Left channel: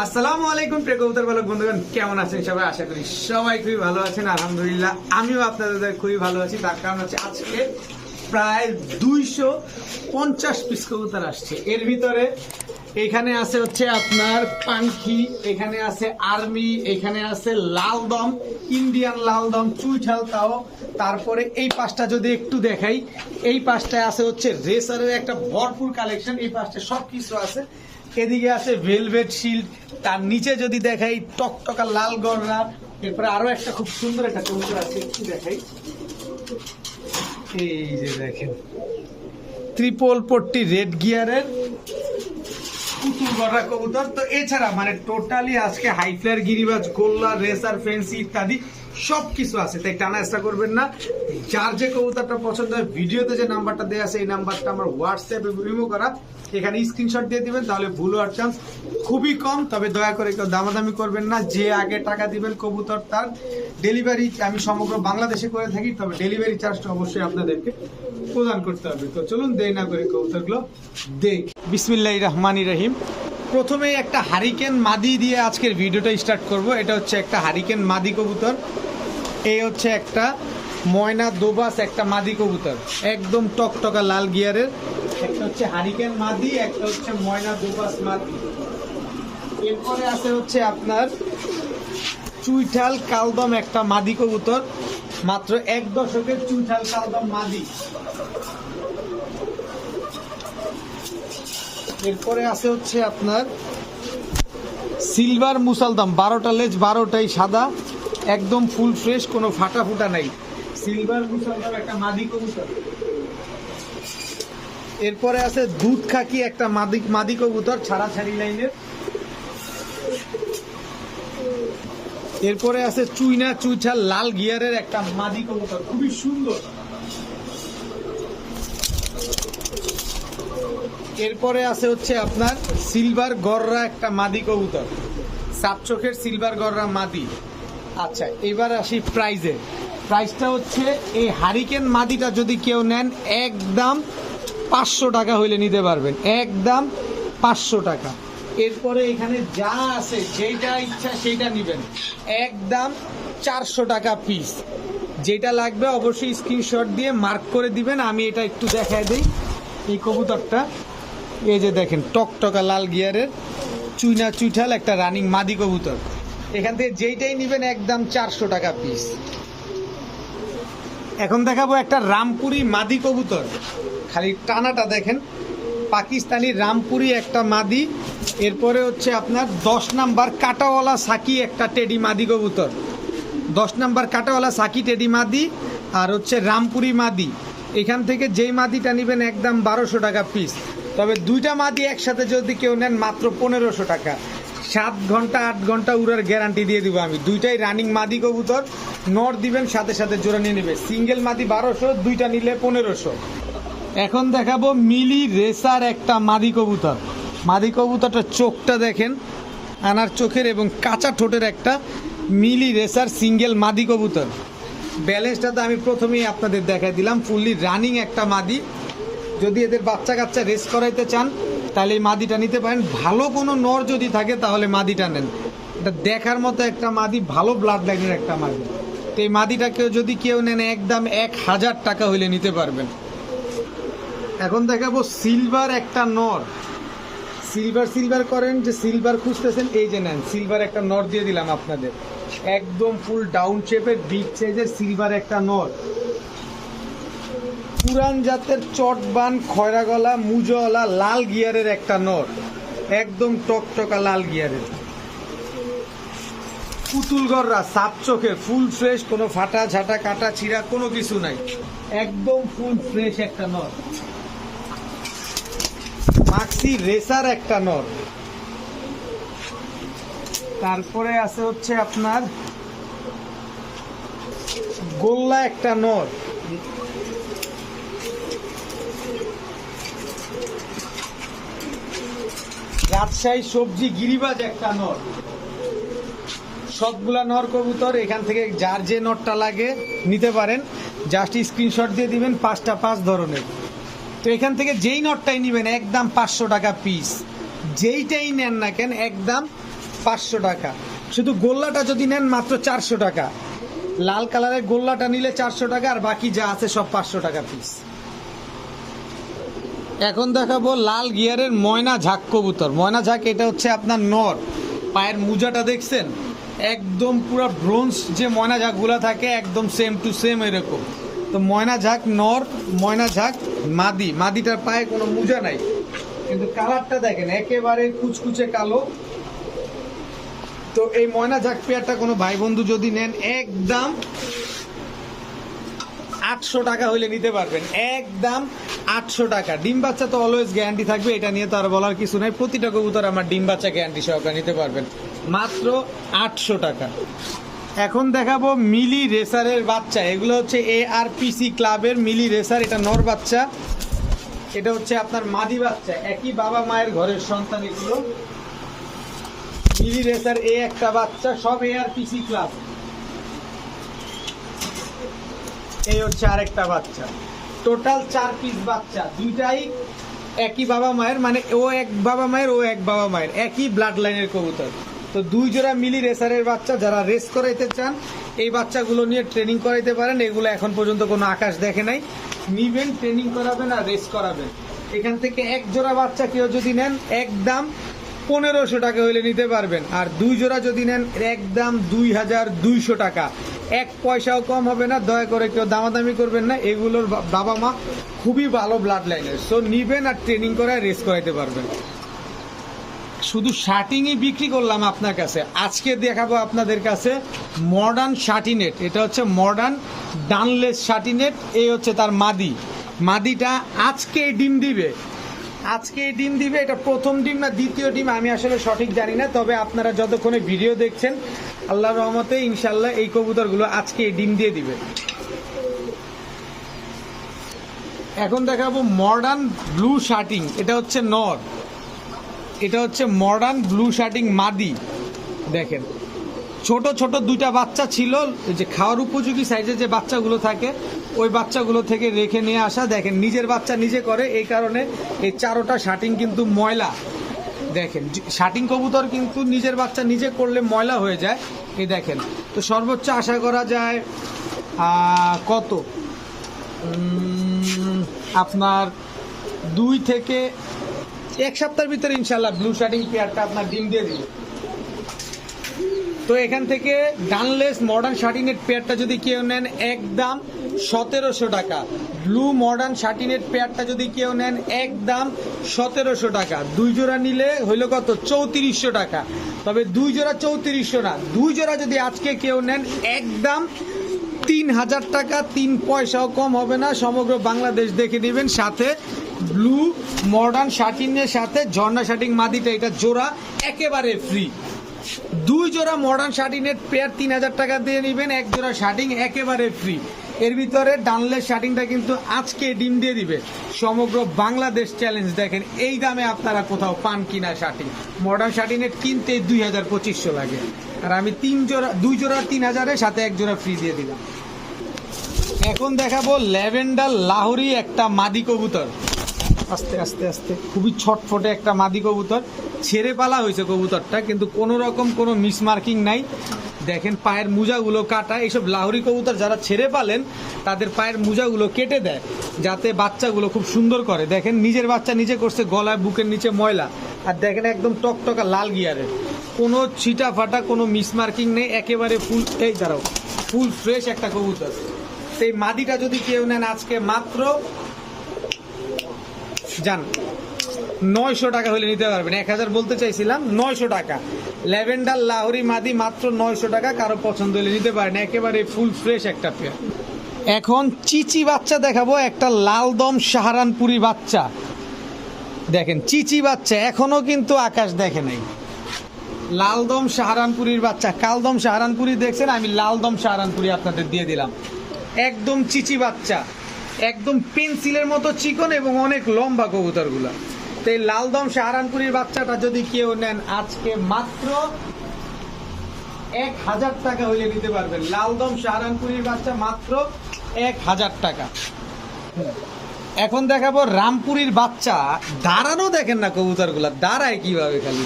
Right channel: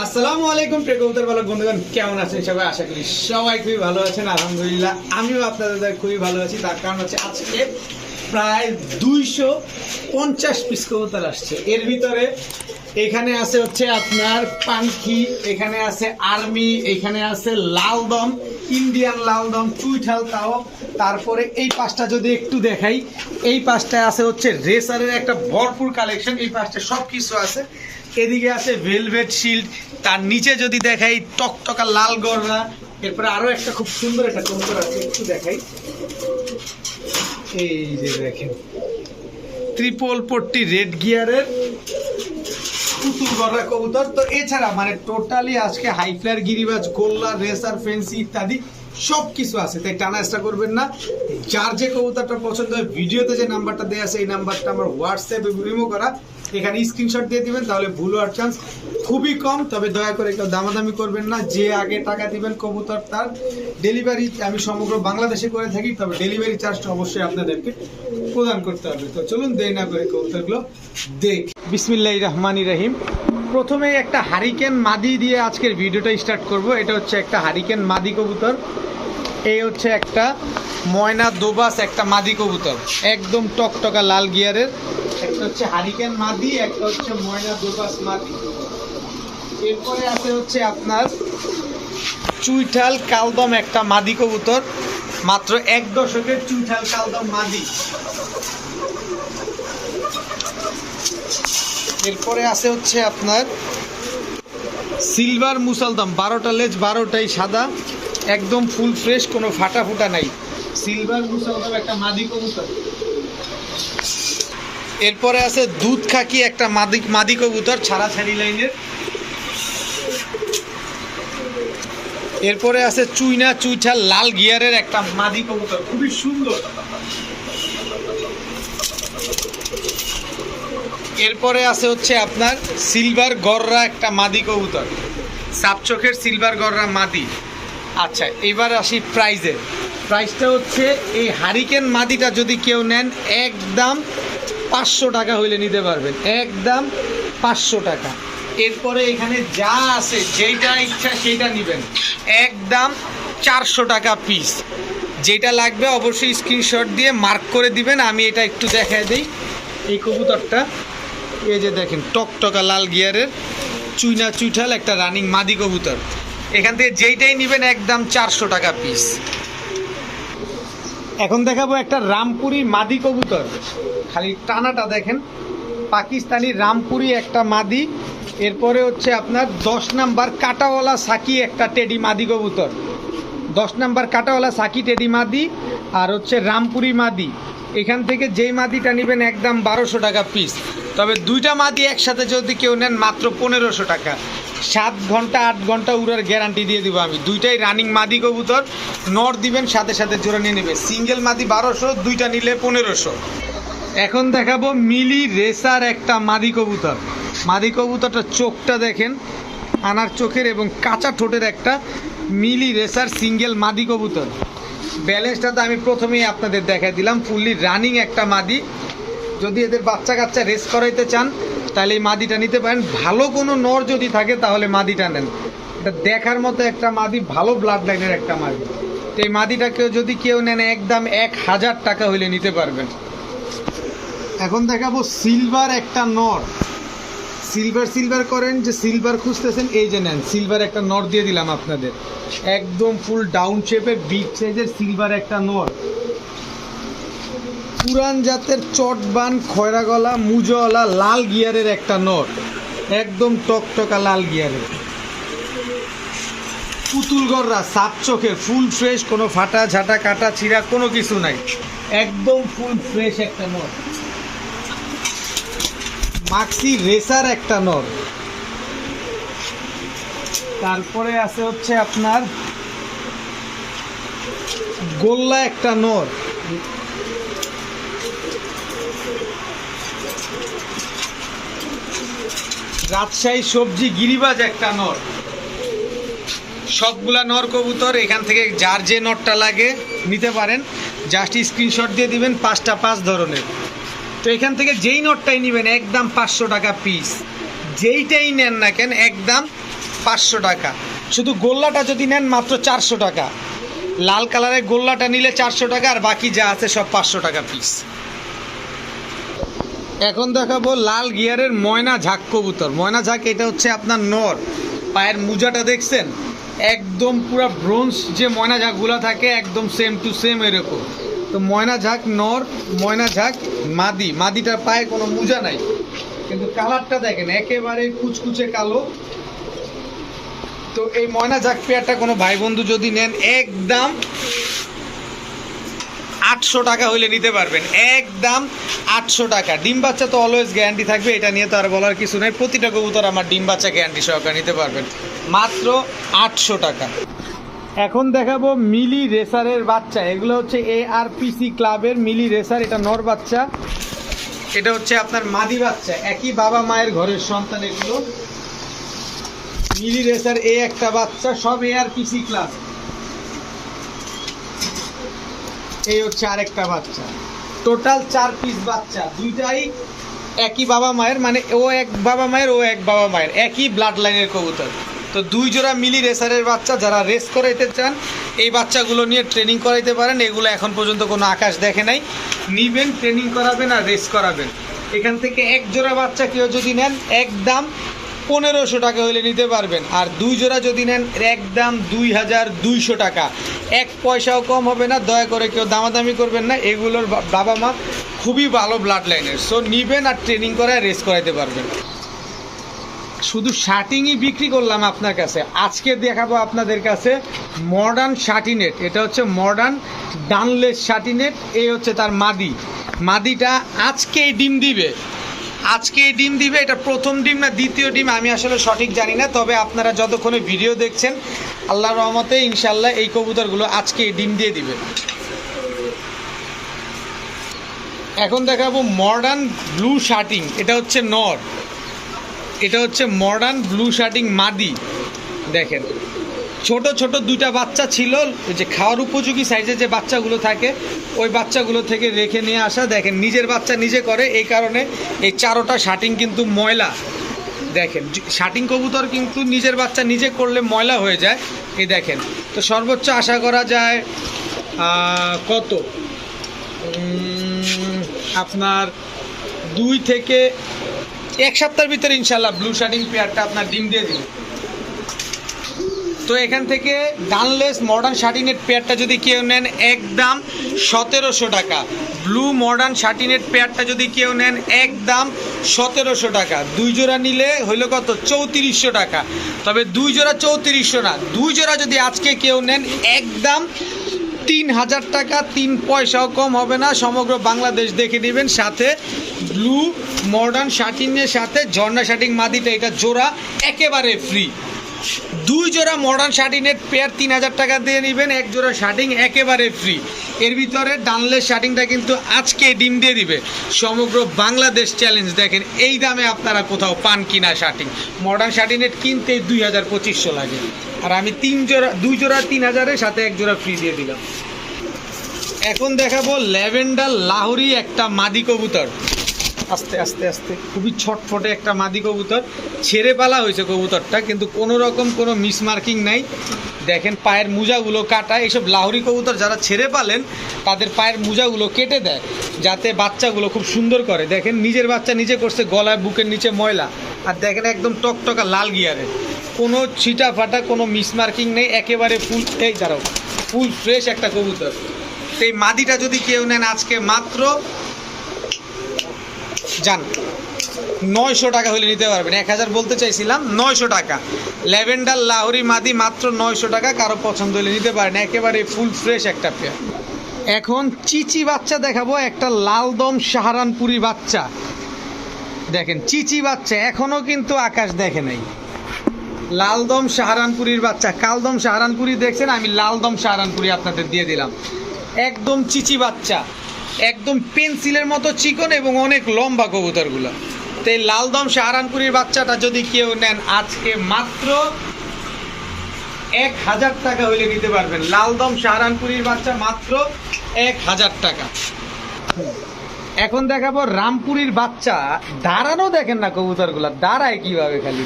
আসসালামু আলাইকুম প্রিয় কবুতর পালক বন্ধুগণ, কেমন আছেন সবাই? আশা করি সবাই খুবই ভালো আছেন। আলহামদুলিল্লাহ আমিও আপনাদের খুবই ভালো আছি। তার কারণ হচ্ছে আজকে প্রায় 250 পিস কবুতর আসছে। এর ভিতরে এখানে আছে হচ্ছে আপনার পাঙ্খি, এখানে আছে আর্মি, এখানে আছে লালদম, ইন্ডিয়ান লালদম, চুইঠাল তাও। তারপরে এই পাঁচটা যদি একটু দেখাই, এই পাঁচটায় আছে হচ্ছে রেসারের একটা ভরপুর কালেকশন। এই পাঁচটা সব কিছু আছে। এদিকে আছে ভেলভেট শিল্ড, তার নিচে যদি দেখাই টকটকা লাল গররা। এরপরে আরো একটা খুব সুন্দর একটা কবুতর আছে, একটু দেখাই। এই যে দেখেন ট্রিপল পট্টি রেড গিয়ারের পুতুল গররা কবুতর। তো এছাড়া মানে টোটালি আজকে হাইফ্লায়ার, গিরিবাজ, গোল্লা, রেসার, ফেন্সি ইত্যাদি সব কিছু আছে। তাই টানা চেষ্টা করবেন না। যার যে কবুতরটা পছন্দ হয় ভিডিওতে যে নাম্বারটা দেওয়া আছে এই নাম্বারটা আমার হোয়াটসঅ্যাপে রিমুভ করা, এখানে স্ক্রিনশট দিয়ে দিবেন, তাহলে ভুল হওয়ার চান্স খুবই কম। তবে দয়া করে কেউ দামাদামি করবেন না। যে আগে টাকা দিবেন কবুতর তার ডেলিভারি আমি সমগ্র বাংলাদেশে করে থাকি, তবে ডেলিভারি চার্জটা অবশ্যই আপনাদেরকে প্রদান করতে হবে। তো চলুন দেরি না করে কবুতরগুলো দেখ। বিসমিল্লাহির রহমানির রহিম। প্রথমে একটা হারিকেন মাদি দিয়ে আজকের ভিডিওটা স্টার্ট করব। এটা হচ্ছে একটা হারিকেন মাদি কবুতর। এই হচ্ছে একটা ময়না দোবাস, একটা মাদি কবুতর, একদম টকটকা লাল গিয়ারের। একটা হচ্ছে হারিকেন মাদি, একটা হচ্ছে ময়না দোবাস মাদি। এরপরে আছে হচ্ছে আপনার চুইঠাল কালদম, একটা মাদি কবুতর, মাত্র 1 দশকের চুইঠাল কালদম মাদি। এরপরে আছে হচ্ছে আপনার সিলভার মুসালদম, 12টা লেজ, 12টাই সাদা, একদম ফুল ফ্রেশ, কোনো ফাটা ফুটা নাই। সিলভার মুসালদম একটা মাদি কবুতর। এরপরে আছে দুধ খাকি, একটা মাদি কবুতর, ছাড়াছাড়ি লাইনের। এরপরে আছে চুইনা চুইঠাল লাল গিয়ারের একটা মাদি কবুতর, খুবই সুন্দর। এরপরে আছে হচ্ছে আপনার সিলভার গররা, একটা মাদি কবুতর, সাপ চোখের সিলভার গররা মাদি। আচ্ছা, এবার আসি প্রাইজের। প্রাইসটা হচ্ছে এই হারিকেন মাদিটা যদি কেউ নেন একদম 500 টাকা হইলে নিতে পারবেন, একদম 500 টাকা। এরপরে এখানে যা আছে যেইটা ইচ্ছা সেইটা নেবেন, একদম 400 টাকা পিস। যেটা লাগবে অবশ্যই স্ক্রিনশট দিয়ে মার্ক করে দিবেন। আমি এটা একটু দেখায় দিই। এই কবুতরটা এই যে দেখেন টকটকা লাল গিয়ারের চুইনা চুইঠাল একটা রানিং মাদি কবুতর। এখান থেকে যেইটাই নেবেন একদম 400 টাকা পিস। এখন দেখাবো একটা রামপুরি মাদি কবুতর, খালি টানাটা দেখেন, পাকিস্তানি রামপুরি একটা মাদি। এরপরে হচ্ছে আপনার 10 নাম্বার কাটাওয়ালা সাকি, একটা টেডি মাদি কবুতর, 10 নাম্বার কাটাওয়ালা সাকি টেডি মাদি, আর হচ্ছে রামপুরি মাদি। এখান থেকে যেই মাদিটা নেবেন একদম 1200 টাকা পিস। তবে দুইটা মাদি একসাথে যদি কেউ নেন মাত্র 1500 টাকা। 7 ঘন্টা 8 ঘন্টা উড়ার গ্যারান্টি দিয়ে দিব আমি। দুইটাই রানিং মাদি কবুতর, নর দিবেন সাথে সাথে জোড়া নিয়ে নেবে। সিঙ্গেল মাদি 1200, দুইটা নিলে 1500। এখন দেখাবো মিলি রেসার একটা মাদি কবুতর। মাদি কবুতরটা চোখটা দেখেন, আনার চোখের এবং কাঁচা ঠোঁটের একটা মিলি রেসার সিঙ্গেল মাদি কবুতর। ব্যালেন্সটা তো আমি প্রথমেই আপনাদের দেখাই দিলাম, ফুললি রানিং একটা মাদি। যদি এদের বাচ্চা কাচ্চা রেস করাইতে চান তাহলে এই মাদিটা নিতে পারেন। ভালো কোনো নর যদি থাকে তাহলে মাদিটা নেন। এটা দেখার মতো একটা মাদি, ভালো ব্লাড লাইনের একটা মাদি। তো এই মাদিটাকেও যদি কেউ নেন একদম 1000 টাকা হইলে নিতে পারবেন। এখন দেখাবো সিলভার একটা নর। সিলভার করেন, যে সিলভার খুঁজতেছেন এই যে নেন, সিলভার একটা নর দিয়ে দিলাম আপনাদের, একদম ফুল ডাউন শেপের বিগ সাইজের সিলভার একটা নর। পুরান জাতের চটবান খয়রা গলা মুজওয়ালা লাল গিয়ারের একটা নর, একদম টকটকা লাল গিয়ারের। পুতুল গররা, সাপ চোখে, ফুল ফ্রেশ, কোনো ফাটা ঝাঁটা কাটা ছিঁড়া কোনো কিছু নাই, একদম ফুল ফ্রেশ একটা নর। মাক্সি রেসার একটা নর। তারপরে আছে হচ্ছে আপনার গোল্লা একটা নর। রাজশাহী সবজি গিরিবাজ একটা নর। সবগুলা নর কবুতর। এখান থেকে যার যে নরটা লাগে নিতে পারেন, জাস্ট স্ক্রিনশট দিয়ে দিবেন। 5টা 5 ধরনের। তো এখান থেকে যেই নটটাই নেবেন একদম 500 টাকা পিস। যেইটাই নেন না কেন একদম 500 টাকা। শুধু গোল্লাটা যদি নেন মাত্র 400 টাকা। লাল কালারের গোল্লাটা নিলে 400 টাকা, আর বাকি যা আছে সব 500 টাকা পিস। এখন দেখাবো লাল গিয়ারের ময়না ঝাঁক কবুতর। ময়না ঝাঁক এটা হচ্ছে আপনার নর। পায়ের মুজাটা দেখছেন, একদম পুরো ব্রোঞ্জ যে ময়না ঝাঁকগুলো থাকে একদম সেম টু সেম এরকম। তো ময়না ঝাঁক নর, ময়না ঝাঁক মাদি। মাদিটার পায়ে কোনো মুজা নাই, কিন্তু কালারটা দেখেন একেবারে কুচকুচে কালো। তো এই ময়না ঝাঁক পেয়ারটা কোনো ভাই বন্ধু যদি নেন একদম 800 টাকা হইলে নিতে পারবেন, একদম 800 টাকা। ডিম বাচ্চা তো অলওয়েজ গ্যারান্টি থাকবে, এটা নিয়ে তো আর বলার কিছু নাই। প্রতিটা কবুতর আমার ডিম বাচ্চা গ্যারান্টি সহকারে নিতে পারবেন, মাত্র 800 টাকা। এখন দেখাবো মিলি রেসারের বাচ্চা। এগুলো হচ্ছে ARPC ক্লাবের মিলি রেসার। এটা নর বাচ্চা, এটা হচ্ছে আপনার মাদি বাচ্চা। একই বাবা মায়ের ঘরের সন্তান এগুলো। মিলি রেসার একটা বাচ্চা, সব ARPC ক্লাব। এই হচ্ছে আরেকটা বাচ্চা। টোটাল 4 পিস বাচ্চা, দুইটাই একই বাবা মায়ের, মানে ও এক বাবা মায়ের, ও এক বাবা মায়ের, একই ব্লাড লাইনের কবুতর। তো 2 জোড়া মিলি রেসারের বাচ্চা। যারা রেস করাইতে চান এই বাচ্চাগুলো নিয়ে ট্রেনিং করাইতে পারেন। এগুলো এখন পর্যন্ত কোনো আকাশ দেখে নাই, নিবেন, ট্রেনিং করাবেন আর রেস করাবেন। এখান থেকে 1 জোড়া বাচ্চা কেউ যদি নেন একদম 1500 টাকা হইলে নিতে পারবেন, আর 2 জোড়া যদি নেন একদম 2200 টাকা। 1 পয়সাও কম হবে না। দয়া করে কেউ দামাদামি করবেন না, এগুলোর বাবা মা খুবই ভালো ব্লাড লাইনের। সো নিবেন আর ট্রেনিং করায় রেস করাইতে পারবেন। শুধু শার্টিংই বিক্রি করলাম আপনার কাছে। আজকে দেখাবো আপনাদের কাছে মডার্ন শার্টিনেট। এটা হচ্ছে মডার্ন ডানলেস শার্টিনেট। এই হচ্ছে তার মাদি। মাদিটা আজকেই ডিম দিবে, আজকেই ডিম দিবে। এটা প্রথম ডিম না দ্বিতীয় ডিম আমি আসলে সঠিক জানি না, তবে আপনারা যতক্ষণে ভিডিও দেখছেন আল্লাহর রহমতে ইনশাল্লাহ এই কবুতরগুলো আজকেই ডিম দিয়ে দিবে। এখন দেখাবো মডার্ন ব্লু শার্টিং। এটা হচ্ছে নর, এটা হচ্ছে মডার্ন ব্লু শার্টিং মাদি। দেখেন ছোট ছোট 2টা বাচ্চা ছিল, ওই যে খাওয়ার উপযোগী সাইজে যে বাচ্চাগুলো থাকে ওই বাচ্চাগুলো থেকে রেখে নিয়ে আসা। দেখেন নিজের বাচ্চা নিজে করে, এই কারণে এই 4টা শার্টিং কিন্তু ময়লা। দেখেন শার্টিং কবুতর কিন্তু নিজের বাচ্চা নিজে করলে ময়লা হয়ে যায়। এই দেখেন, তো সর্বোচ্চ আশা করা যায় কত, আপনার 2 থেকে 1 সপ্তাহের ভিতরে ইনশাল্লাহ ব্লু শার্টিং পেয়ারটা আপনার ডিম দিয়ে দিবে। তো এখান থেকে ডানলেস মডার্ন শার্টিনেট পেয়ারটা যদি কেউ নেন একদম 1700 টাকা। ব্লু মডার্ন শার্টিনেট পেয়ারটা যদি কেউ নেন একদম 1700 টাকা। 2 জোড়া নিলে হইলো কত, 3400 টাকা। তবে 2 জোড়া 3400 না, 2 জোড়া যদি আজকে কেউ নেন একদম 3000 টাকা। 3 পয়সাও কম হবে না। সমগ্র বাংলাদেশ দেখে নেবেন। সাথে ব্লু মডার্ন শার্টিনের সাথে ঝর্ণা শার্টিং মাদিটা, এটা জোড়া একেবারে ফ্রি। 2 জোড়া মডার্ন শার্টিনের পেয়ার 3000 টাকা দিয়ে নেবেন, 1 জোড়া শার্টিং একেবারে ফ্রি। এর ভিতরে ডানলেস শার্টিংটা কিন্তু আজকে ডিম দিয়ে দিবে। সমগ্র বাংলাদেশ চ্যালেঞ্জ। দেখেন এই দামে আপনারা কোথাও পান কিনা শার্টিং। মডার্ন শার্টিনেট কিনতে 2000-2500 লাগে, আর আমি 2 জোড়া 3000-এর সাথে 1 জোড়া ফ্রি দিয়ে দিলাম। এখন দেখাবো ল্যাভেন্ডার লাহোরি একটা মাদি কবুতর। আস্তে আস্তে আস্তে খুবই ছটফটে একটা মাদি কবুতর। ছেড়ে পালা হয়েছে কবুতরটা, কিন্তু কোনো রকম কোনো মিসমার্কিং নাই। দেখেন পায়ের মোজাগুলো কাটা। এইসব লাহোরি কবুতর যারা ছেড়ে পালেন তাদের পায়ের মোজাগুলো কেটে দেয় যাতে বাচ্চাগুলো খুব সুন্দর করে। দেখেন নিজের বাচ্চা নিজে করছে, গলায় বুকের নিচে ময়লা। আর দেখেন একদম টকটকা লাল গিয়ারের, কোনো ছিটা ফাটা কোনো মিসমার্কিং নেই, একেবারে ফুল, এই দাঁড়াও, ফুল ফ্রেশ একটা কবুতর। এই মাদিটা যদি কেউ নেন আজকে মাত্র যান 900 টাকা হলে নিতে পারবেন। 1000 বলতে চাইছিলাম, 900 টাকা। ল্যাভেন্ডার লাহোরি মাদি মাত্র 900 টাকা। কারো পছন্দ হলে নিতে পারেন, একেবারে ফুল ফ্রেশ একটা পেয়ার। এখন চিচি বাচ্চা দেখাবো, একটা লালদম সাহারানপুরি বাচ্চা। দেখেন চিচি বাচ্চা, এখনো কিন্তু আকাশ দেখে নাই। লালদম সাহারানপুরির বাচ্চা। কালদম সাহারানপুরি দেখছেন, আমি লালদম সাহারানপুরি আপনাদের দিয়ে দিলাম। একদম চিচি বাচ্চা, একদম পেন্সিলের মতো চিকন এবং অনেক লম্বা কবুতরগুলো। তো এই লালদম সাহারানপুরির বাচ্চাটা যদি কেউ নেন আজকে মাত্র 1000 টাকা হইলে নিতে পারবেন। লালদম সাহারানপুরির বাচ্চা মাত্র 1000 টাকা। এখন দেখাবো রামপুরির বাচ্চা। দাঁড়ানো দেখেন না কবুতরগুলো, দাঁড়ায় কিভাবে, খালি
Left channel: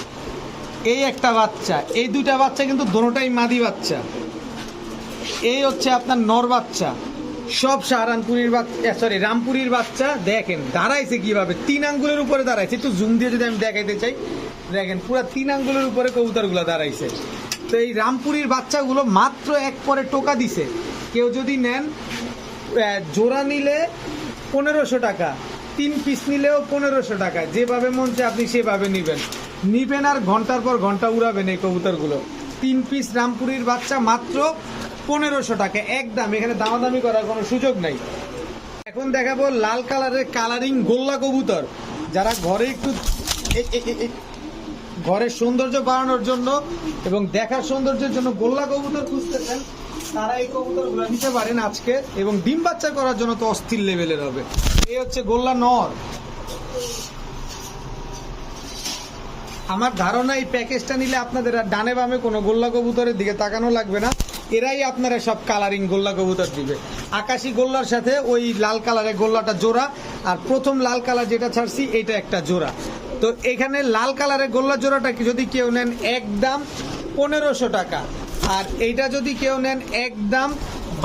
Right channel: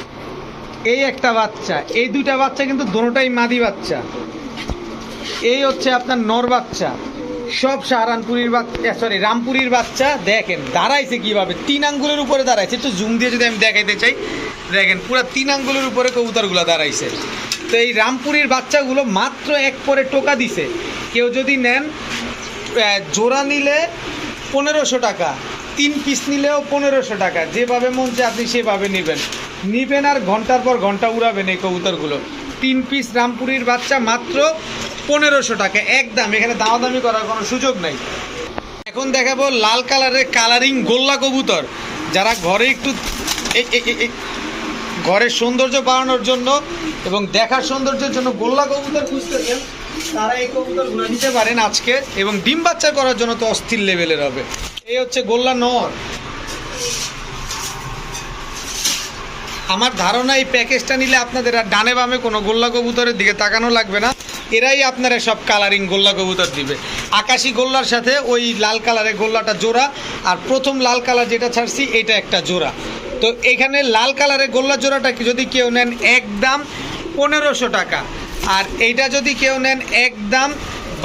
এই একটা বাচ্চা, এই দুইটা বাচ্চা কিন্তু দুটোটাই মাদি বাচ্চা। এই হচ্ছে আপনার নর বাচ্চা, সব সাহারানপুরীর বাচ্চা, সরি রামপুরীর বাচ্চা। দেখেন দাঁড়াইছে কিভাবে, 3 আঙ্গুলের উপরে দাঁড়াইছে। একটু জুম দিয়ে যদি আমি দেখাইতে চাই, দেখেন পুরো 3 আঙ্গুলের উপরে কবুতরগুলো দাঁড়াইছে। তো এই রামপুরীর বাচ্চাগুলো মাত্র এক পরে টোকা দিছে। কেউ যদি নেন জোড়া নিলে 1500 টাকা, 3 পিস নিলেও 1500 টাকা, যেভাবে মন চায় আপনি সেভাবে নিবেন আর ঘন্টার পর ঘন্টা উড়াবেন এই কবুতরগুলো। 3 পিস রামপুরীর বাচ্চা মাত্র 1500 টাকা একদম, এখানে দামাদামি করার কোনো সুযোগ নাই। এখন দেখাবো লাল কালারের কালারিং গোল্লা কবুতর। যারা ঘরে একটু ঘরের সৌন্দর্য বাড়ানোর জন্য এবং দেখার সৌন্দর্যের জন্য গোল্লা কবুতর খুঁজতেছেন, তারা এই কবুতরগুলো নিতে পারেন আজকে। এবং ডিম বাচ্চা করার জন্য তো অস্থির লেভেলের হবে। এই হচ্ছে গোল্লা নর। আমার ধারণা এই প্যাকেজটা নিলে আপনাদের আর ডানে বামে কোনো গোল্লা কবুতরের দিকে তাকানো লাগবে না, এরাই আপনারা সব কালারিং গোল্লা কবুতর দিবে। আকাশি গোল্লার সাথে ওই লাল কালারের গোল্লাটা জোড়া, আর প্রথম লাল কালার যেটা ছাড়ছি এটা একটা জোড়া। তো এখানে লাল কালারের গোল্লা জোড়াটা যদি কেউ নেন একদম 1500 টাকা, আর এইটা যদি কেউ নেন একদম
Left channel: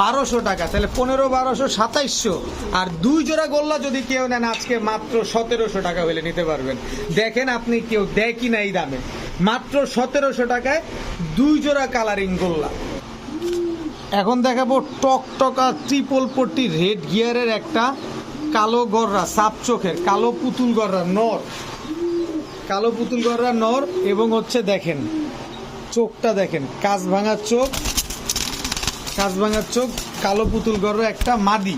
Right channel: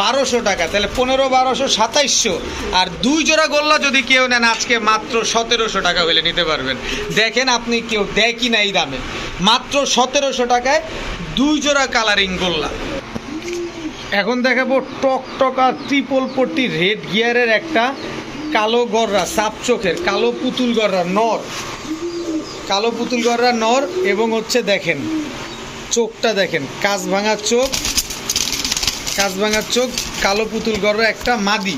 1200 টাকা, তাহলে 15, 1200, 2700। আর 2 জোড়া গোল্লা যদি কেউ নেন আজকে মাত্র 1700 টাকা হলে নিতে পারবেন। দেখেন আপনি কেউ দেয় কি না এই দামে, মাত্র 1700 টাকায় 2 জোড়া কালারিং গোল্লা। এখন দেখাবো টকটকা ট্রিপল পট্টি রেড গিয়ারের একটা কালো গররা, সাপ চোখের কালো পুতুল গররা নর, কালো পুতুল গররা নর। এবং হচ্ছে দেখেন চোখটা দেখেন, কাঁচ ভাঙার চোখ, কাঁচ ভাঙার চোখ, কালো পুতুল গররা একটা মাদি।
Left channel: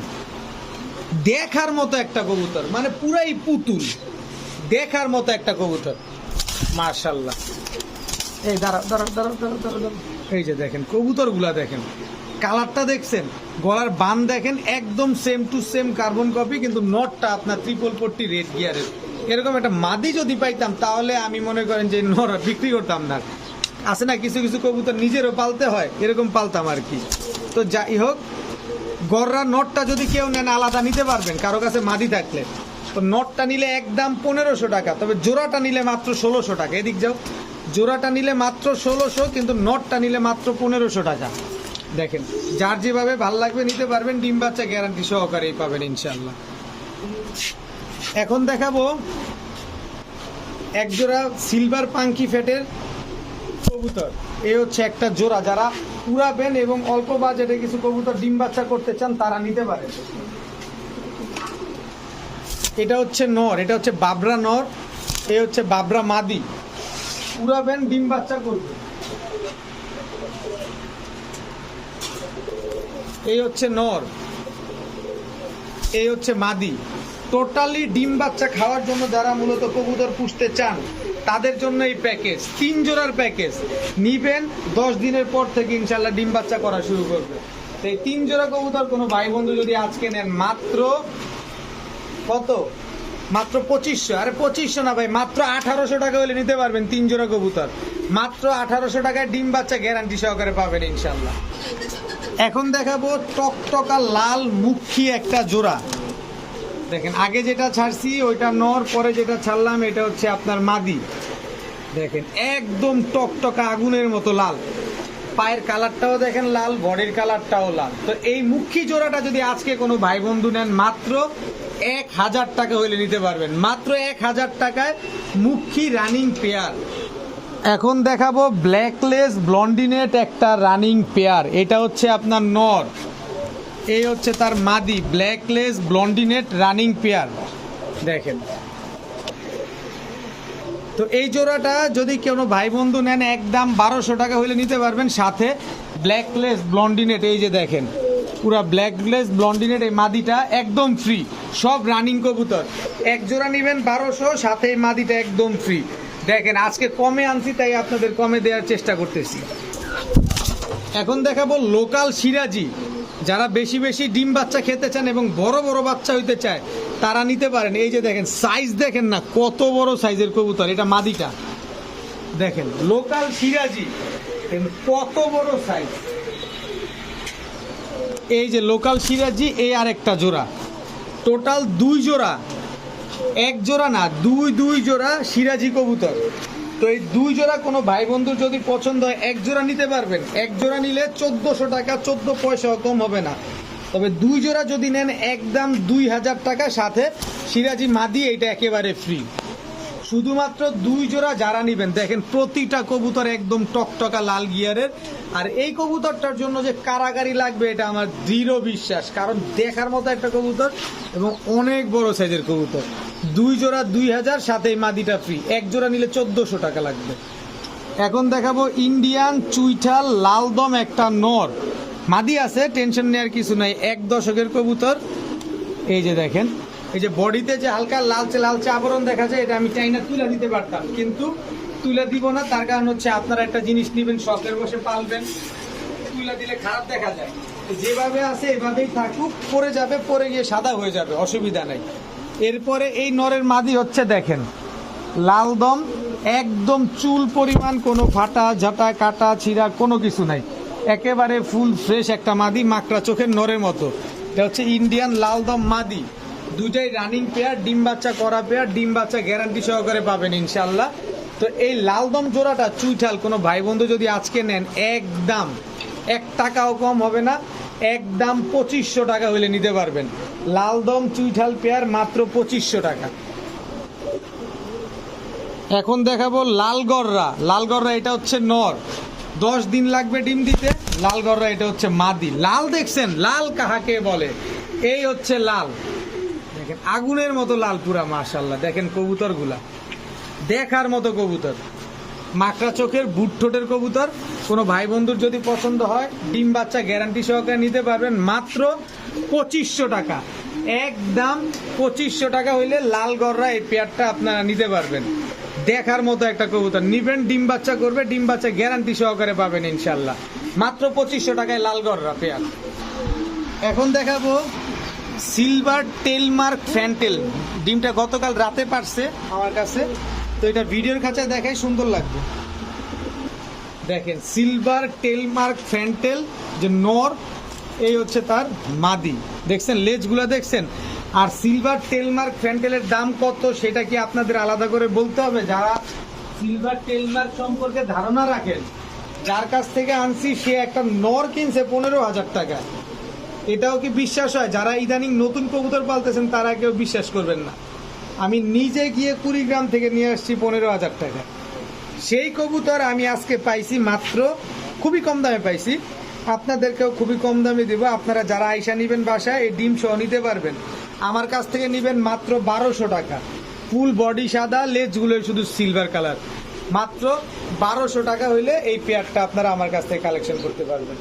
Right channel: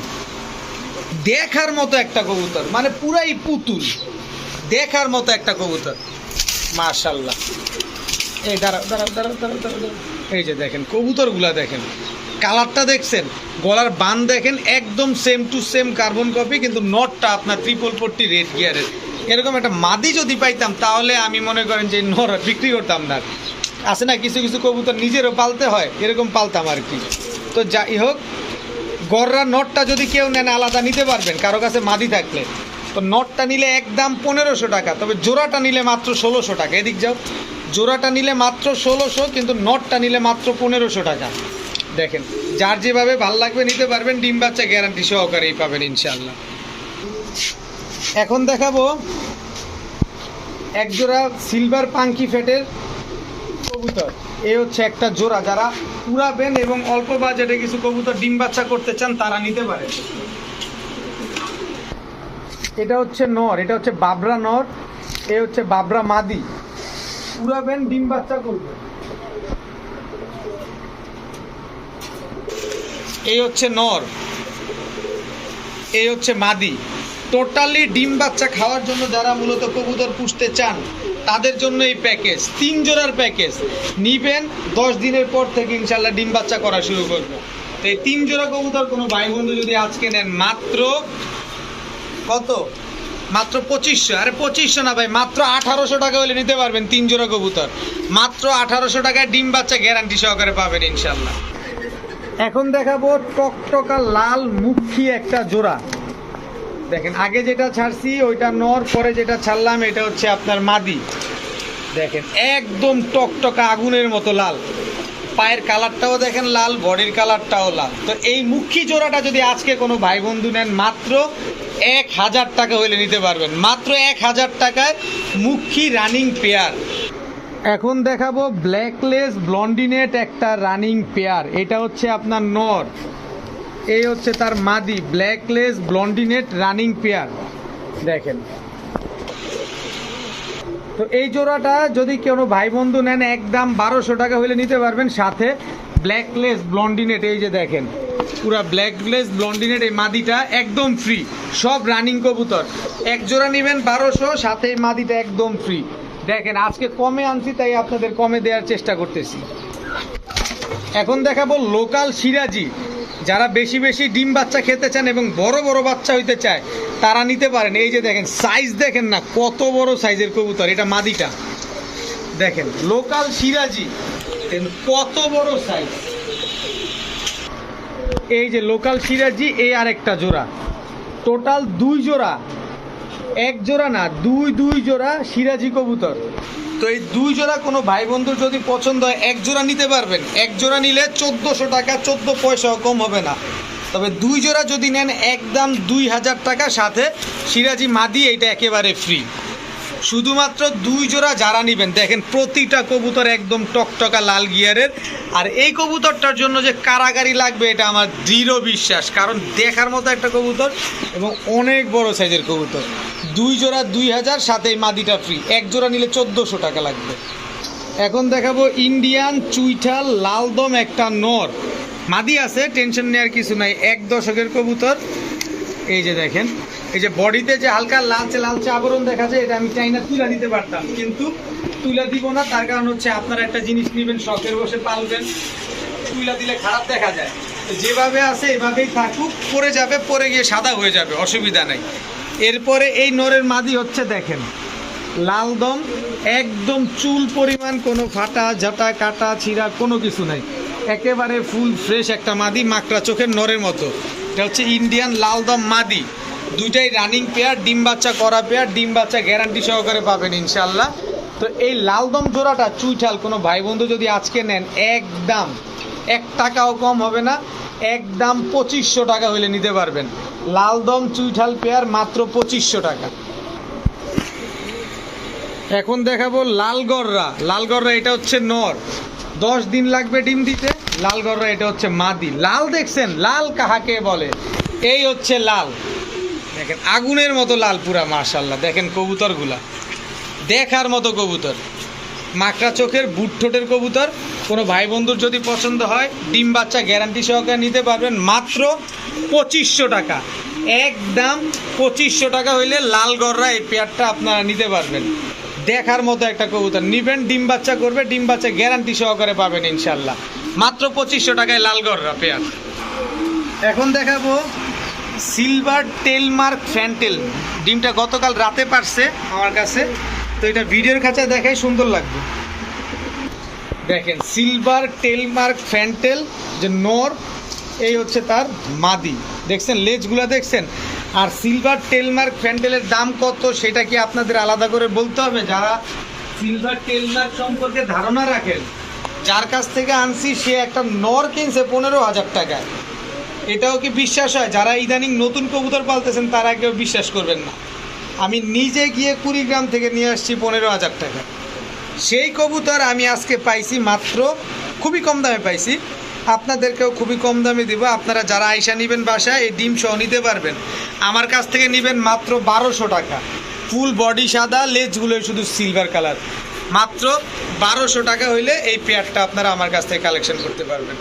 দেখার মতো একটা কবুতর, মানে পুরাই পুতুল, দেখার মতো একটা কবুতর, মাশাআল্লাহ। এই দাঁড়া দাঁড়া দাঁড়া দাঁড়া দাঁড়া দাঁড়া, এই যে দেখেন কবুতরগুলা দেখেন, কালারটা দেখছেন, গলার বান দেখেন, একদম same to same carbon copy, কিন্তু নটটা আপনার ট্রিপল পট্টি রেড গিয়ারের। এরকম একটা মাদি যদি পাইতাম তাহলে আমি মনে করেন যে নর বিক্রি করতাম না। আছে না কিছু কিছু কবুতর নিজেরও পালতে হয়, এরকম পালতাম আর কি। তো যাই হোক, গররা নটটা যদি কেউ নেন আলাদা নিতে পারবেন কারো কাছে মাদি থাকলে। তো নটটা নিলে একদম 1500 টাকা, তবে জোড়াটা নিলে মাত্র 1600 টাকা। এদিক যাও, জোড়াটা নিলে মাত্র 1600, কিন্তু নটটা নিলে মাত্র 1500 টাকা। দেখেন যার যেভাবে ভাল লাগবে নিতে পারবেন, ডিম বাচ্চা গ্যারান্টি সহকারেই পাবেন ইনশাআল্লাহ। এখন দেখাবো এক জোড়া সিলভার পাঙ্কি ফেটের কবুতর। এই হচ্ছে একটা জোড়া, যারা উড়াবেন এবং অল্প বাজেটে কিছু কবুতর ডিম বাচ্চা করতে চান তারা নিতে পারে। এটা হচ্ছে নর, এটা হচ্ছে বাবরা নর, এই হচ্ছে বাবরা মাদি। উড়াবেন ডিম বাচ্চা করবে। এই হচ্ছে নর, এই হচ্ছে মাদি। টোটালি ডিম বাচ্চা খাওয়ার জন্য যারা মূলত কবুতর পুষতে চান তাদের জন্য এই প্যাকেজ, 3 জোড়ার প্যাকেজ নিবেন। 10 দিনের পর থেকে ইনশাল্লাহ ডিম বাচ্চা করা শুরু করবে। তো এই 3 জোড়া কবুতর কোনো ভাই বন্ধু যদি আজকে নেন মাত্র কত, মাত্র 2500। আরে 2500 না ভাই, মাত্র 1800 টাকা হলে নিতে পারবেন 3 জোড়া কবুতর। মাত্র 1800 টাকায় ডিম বাচ্চা গ্যারান্টি সহকারে পাবেন ইনশাল্লাহ। এখন দেখাবো টকটকা লাল মুখী একটা জোড়া। দেখেন আগে যেটা ছাড়ছি ওইটা নর, পরে যেটা ছাড়লাম এটা হচ্ছে আপনার মাদি। দেখেন একদম টকটকা আগুনের মতো লাল, পায়ের কালারটাও দেখেন লাল, বডির কালারটাও লাল। তো এই মুখী জোড়াটা যদি আজকে কোনো ভাই বন্ধু নেন মাত্র 1000 টাকা হলে নিতে পারবেন, মাত্র 1000 টাকায় মুখী রানিং পেয়ার। এখন দেখাবো ব্ল্যাকলেস ব্লন্ডিনেট একটা রানিং পেয়ার। এটা হচ্ছে আপনার নর, এই হচ্ছে তার মাদি, ব্ল্যাকলেস ব্লন্ডিনেট রানিং পেয়ার। দেখেন তো এই জোড়াটা যদি কোনো ভাই বন্ধু নেন একদম 1200 টাকা হলে নিতে পারবেন, সাথে ব্ল্যাকলেস ব্লন্ডিনেট। এই যে দেখেন পুরা ব্ল্যাকলেস ব্লন্ডিনেট, এই মাদিটা একদম ফ্রি, সব রানিং কবুতর। এক জোড়া নেবেন 1200, সাথে এই মাদিটা একদম ফ্রি। দেখেন আজকে কমে আনছি তাই আপনাদের কমে দেওয়ার চেষ্টা করতেছি। এখন দেখাবো লোকাল সিরাজি। যারা বেশি বেশি ডিম বাচ্চা খেতে চান এবং বড় বড় বাচ্চা হইতে চায় তারা নিতে পারেন। এই যে দেখেন সাইজ দেখেন না কত বড় সাইজের কবুতর, এটা মাদিটা। দেখেন লোকাল সিরাজি কত বড় সাইজ। এই যে লোকাল সিরাজি, এই আর একটা জোড়া, টোটাল 2 জোড়া, 1 জোড়া না 2 জোড়া সিরাজি কবুতর। তো তো এই 2 জোড়া কোনো ভাই বন্ধুর যদি পছন্দ হয় 1 জোড়া নিতে পারবেন। 1 জোড়া নিলে 1400 টাকা, 14 পয়সাও কম হবে না। তবে 2 জোড়া যদি নেন একদম 2000 টাকা, সাথে সিরাজি মাদি এইটা একেবারে ফ্রি। শুধুমাত্র 2 জোড়া যারা নেবেন, দেখেন প্রতিটা কবুতর একদম টকটকা লাল গিয়ারের। আর এই কবুতরটার জন্য যে কারাগারি লাগবে এটা আমার দৃঢ় বিশ্বাস, কারণ দেখার মতো একটা কবুতর এবং অনেক বড় সাইজের কবুতর। 2 জোড়া 2000, সাথে এই মাদিটা ফ্রি। 1 জোড়া নিলে 1400 টাকা লাগবে। এখন দেখাবো ইন্ডিয়ান চুইঠাল লালদম একটা নর মাদি আছে, টেনশন নেওয়ার কিছু নাই, 1 দশকের কবুতর। এই যে দেখেন, এই যে বডিতে যে হালকা লালচে লালচে আবরণ দেখা যায়, এটা আমি চাইনা তুলে দিতে পারতাম, কিন্তু তুলে দিব না। তার কারণ হচ্ছে আপনারা একটা জিনিস নেবেন, শখের বসে পালবেন, তুলে দিলে খারাপ দেখা যায়। যেভাবে আছে এভাবেই থাকুক, পরে যাবে, পরে গিয়ে সাদা হয়ে যাবে, অসুবিধা নেই। এরপরে এই নরের মাদি হচ্ছে দেখেন লালদম, একদম চুল পরিমাণ কোনো ফাটা ঝাঁটা কাটা ছিঁড়া কোনো কিছু নাই, একেবারে ফুল ফ্রেশ একটা মাদি, মাকড়া চোখের নরের মতো। এটা হচ্ছে ইন্ডিয়ান লালদম মাদি, দুইটাই রানিং পেয়ার, ডিম বাচ্চা করা পেয়ার, ডিম বাচ্চা গ্যারান্টি সহকারে পাবেন ইনশাল্লাহ। তো এই লালদম জোড়াটা চুইঠাল কোনো ভাই বন্ধু যদি আজকে নেন একদম 1 টাকাও কম হবে না, একদম 2500 টাকা হইলে নিতে পারবেন। লালদম চুইঠাল পেয়ার মাত্র 2500 টাকা। এখন দেখাবো লালগররা। লালগররা এটা হচ্ছে নর, 10 দিন লাগবে ডিম দিতে। লালগররা এটা হচ্ছে মাদি। লাল দেখছেন, লাল কাহাকে বলে, এই হচ্ছে লাল, দেখেন আগুনের মতো লাল পুরা, মাশাআল্লাহ। দেখেন কবুতরগুলা দেখার মতো কবুতর, মাকড়া চোখের বুট ঠোঁটের কবুতর। কোনো ভাই বন্ধুর যদি পছন্দ হয় ডিম বাচ্চা গ্যারান্টি সহকারে নিতে পারবেন মাত্র 2500 টাকা। একদম 2500 টাকা হইলে লালগররা এই পেয়ারটা আপনারা নিতে পারবেন। দেখার মতো একটা কবুতর, নিবেন ডিম বাচ্চা করবে, ডিম বাচ্চা গ্যারান্টি সহকারে পাবেন ইনশাল্লাহ, মাত্র 2500 টাকায় লালগররা পেয়ার। এখন দেখাবো সিলভার টেলমার্ক ফ্যান্টেল। ডিমটা গতকাল রাতে পারছে আমার কাছে, তো এটা ভিডিওর কাছে দেখাই সুন্দর লাগবে। দেখেন সিলভার টেলমার্ক ফ্যান্টেল যে নর, এই হচ্ছে তার মাদি, দেখছেন লেজগুলো দেখছেন। আর সিলভার টেলমার্ক ফ্যান্টেলের দাম কত সেটা কি আপনাদের আলাদা করে বলতে হবে? যারা সিলভার টেলমার্ক সম্পর্কে ধারণা রাখেন, যার কাছ থেকে আনছি সে একটা নর কিনছে 15,000 টাকায়, এটাও কি বিশ্বাস হয়? যারা ইদানিং নতুন কবুতর পালতেছেন তারা কেউ বিশ্বাস করবেন না। আমি নিজে গিয়ে কুড়িগ্রাম থেকে নিয়ে আসছি 15,000 টাকা। সেই কবুতর আমি আজকে পাইছি মাত্র, খুবই কম দামে পাইছি, আপনাদেরকেও খুবই কম দামে দিব। আপনারা যারা আইসা নেবেন বাসায় এই ডিম সহ নিতে পারবেন। আমার কাছ থেকে নেবেন মাত্র 1200 টাকা, ফুল বডি সাদা, লেজগুলো শুধু সিলভার কালার, মাত্র 1200 টাকা হইলে এই পেয়ারটা আপনারা আমার কাছ থেকে কালেকশন করতে পারবেন।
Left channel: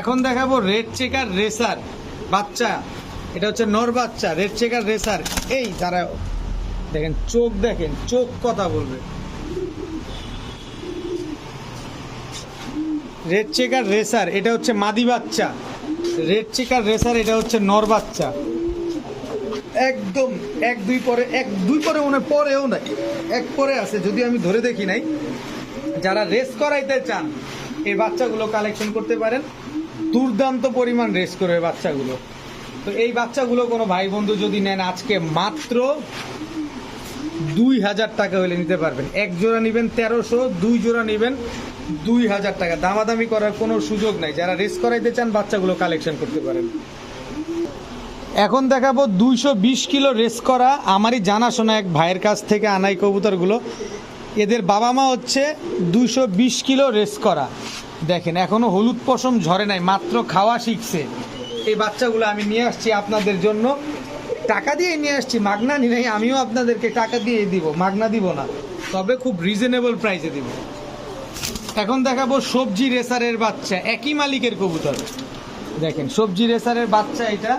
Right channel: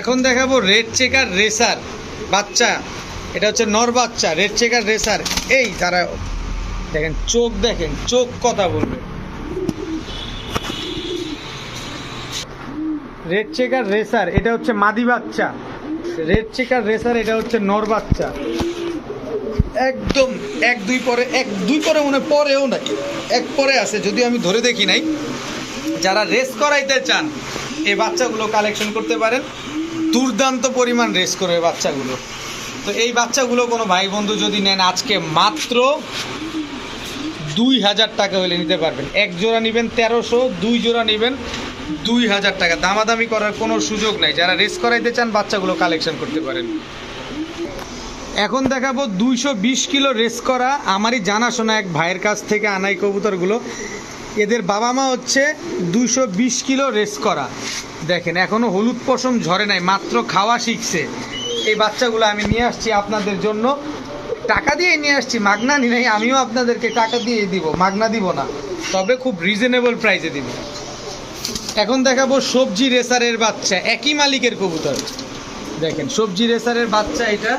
এখন দেখাবো রেড চেকার রেসার বাচ্চা, এটা হচ্ছে নর বাচ্চা, রেড চেকার রেসার। এই যারা দেখেন চোখ, দেখেন চোখ কথা বলবে। রেড চেকার রেসার এটা হচ্ছে মাদি বাচ্চা, রেড চেকার রেসার এটা হচ্ছে নর বাচ্চা। একদম 1-2 পরে, 1-2 পরে মনে পরেও না, 1 পরে আছে, যদিও আমি ধরে দেখি নাই। যারা রেস করাইতে চান এই বাচ্চাগুলো কালেকশন করতে পারেন, দুর্দান্ত পরিমাণ রেস করবে বাচ্চাগুলো। তো এই বাচ্চাগুলো কোনো ভাই বন্ধু যদি নেন আজকে মাত্র 2000 টাকা হলে নিতে পারবেন। 1 জোড়া নেবেন 1300, 2 জোড়া নেবেন 2000 টাকা। দামাদামি করার কোনো সুযোগ নাই। যারা রেস করাইতে চান বাচ্চাগুলো কালেকশন করতে পারেন। এখন দেখাবো 220 কিলো রেস করা, আমারই জানাশোনা এক ভাইয়ের কাছ থেকে আনাই কবুতরগুলো। এদের বাবা মা হচ্ছে 220 কিলো রেস করা। দেখেন এখনও হলুদ পশম ঝরে নাই, মাত্র খাওয়া শিখছে। এই বাচ্চাগুলো আমি নিয়ে আসছি আপনাদের জন্য, টাকা দিয়ে নিয়ে আসছি, মাগনা নি নাই। আমিও আপনাদেরকে টাকা দিয়ে দিব, মাগনা দিব না, তবে খুব রিজনেবল প্রাইসে দিব। এখন দেখাবো সবজি রেসারের বাচ্চা, একই মালিকের কবুতর। দেখেন সবজি রেসারের বাচ্চা, এটা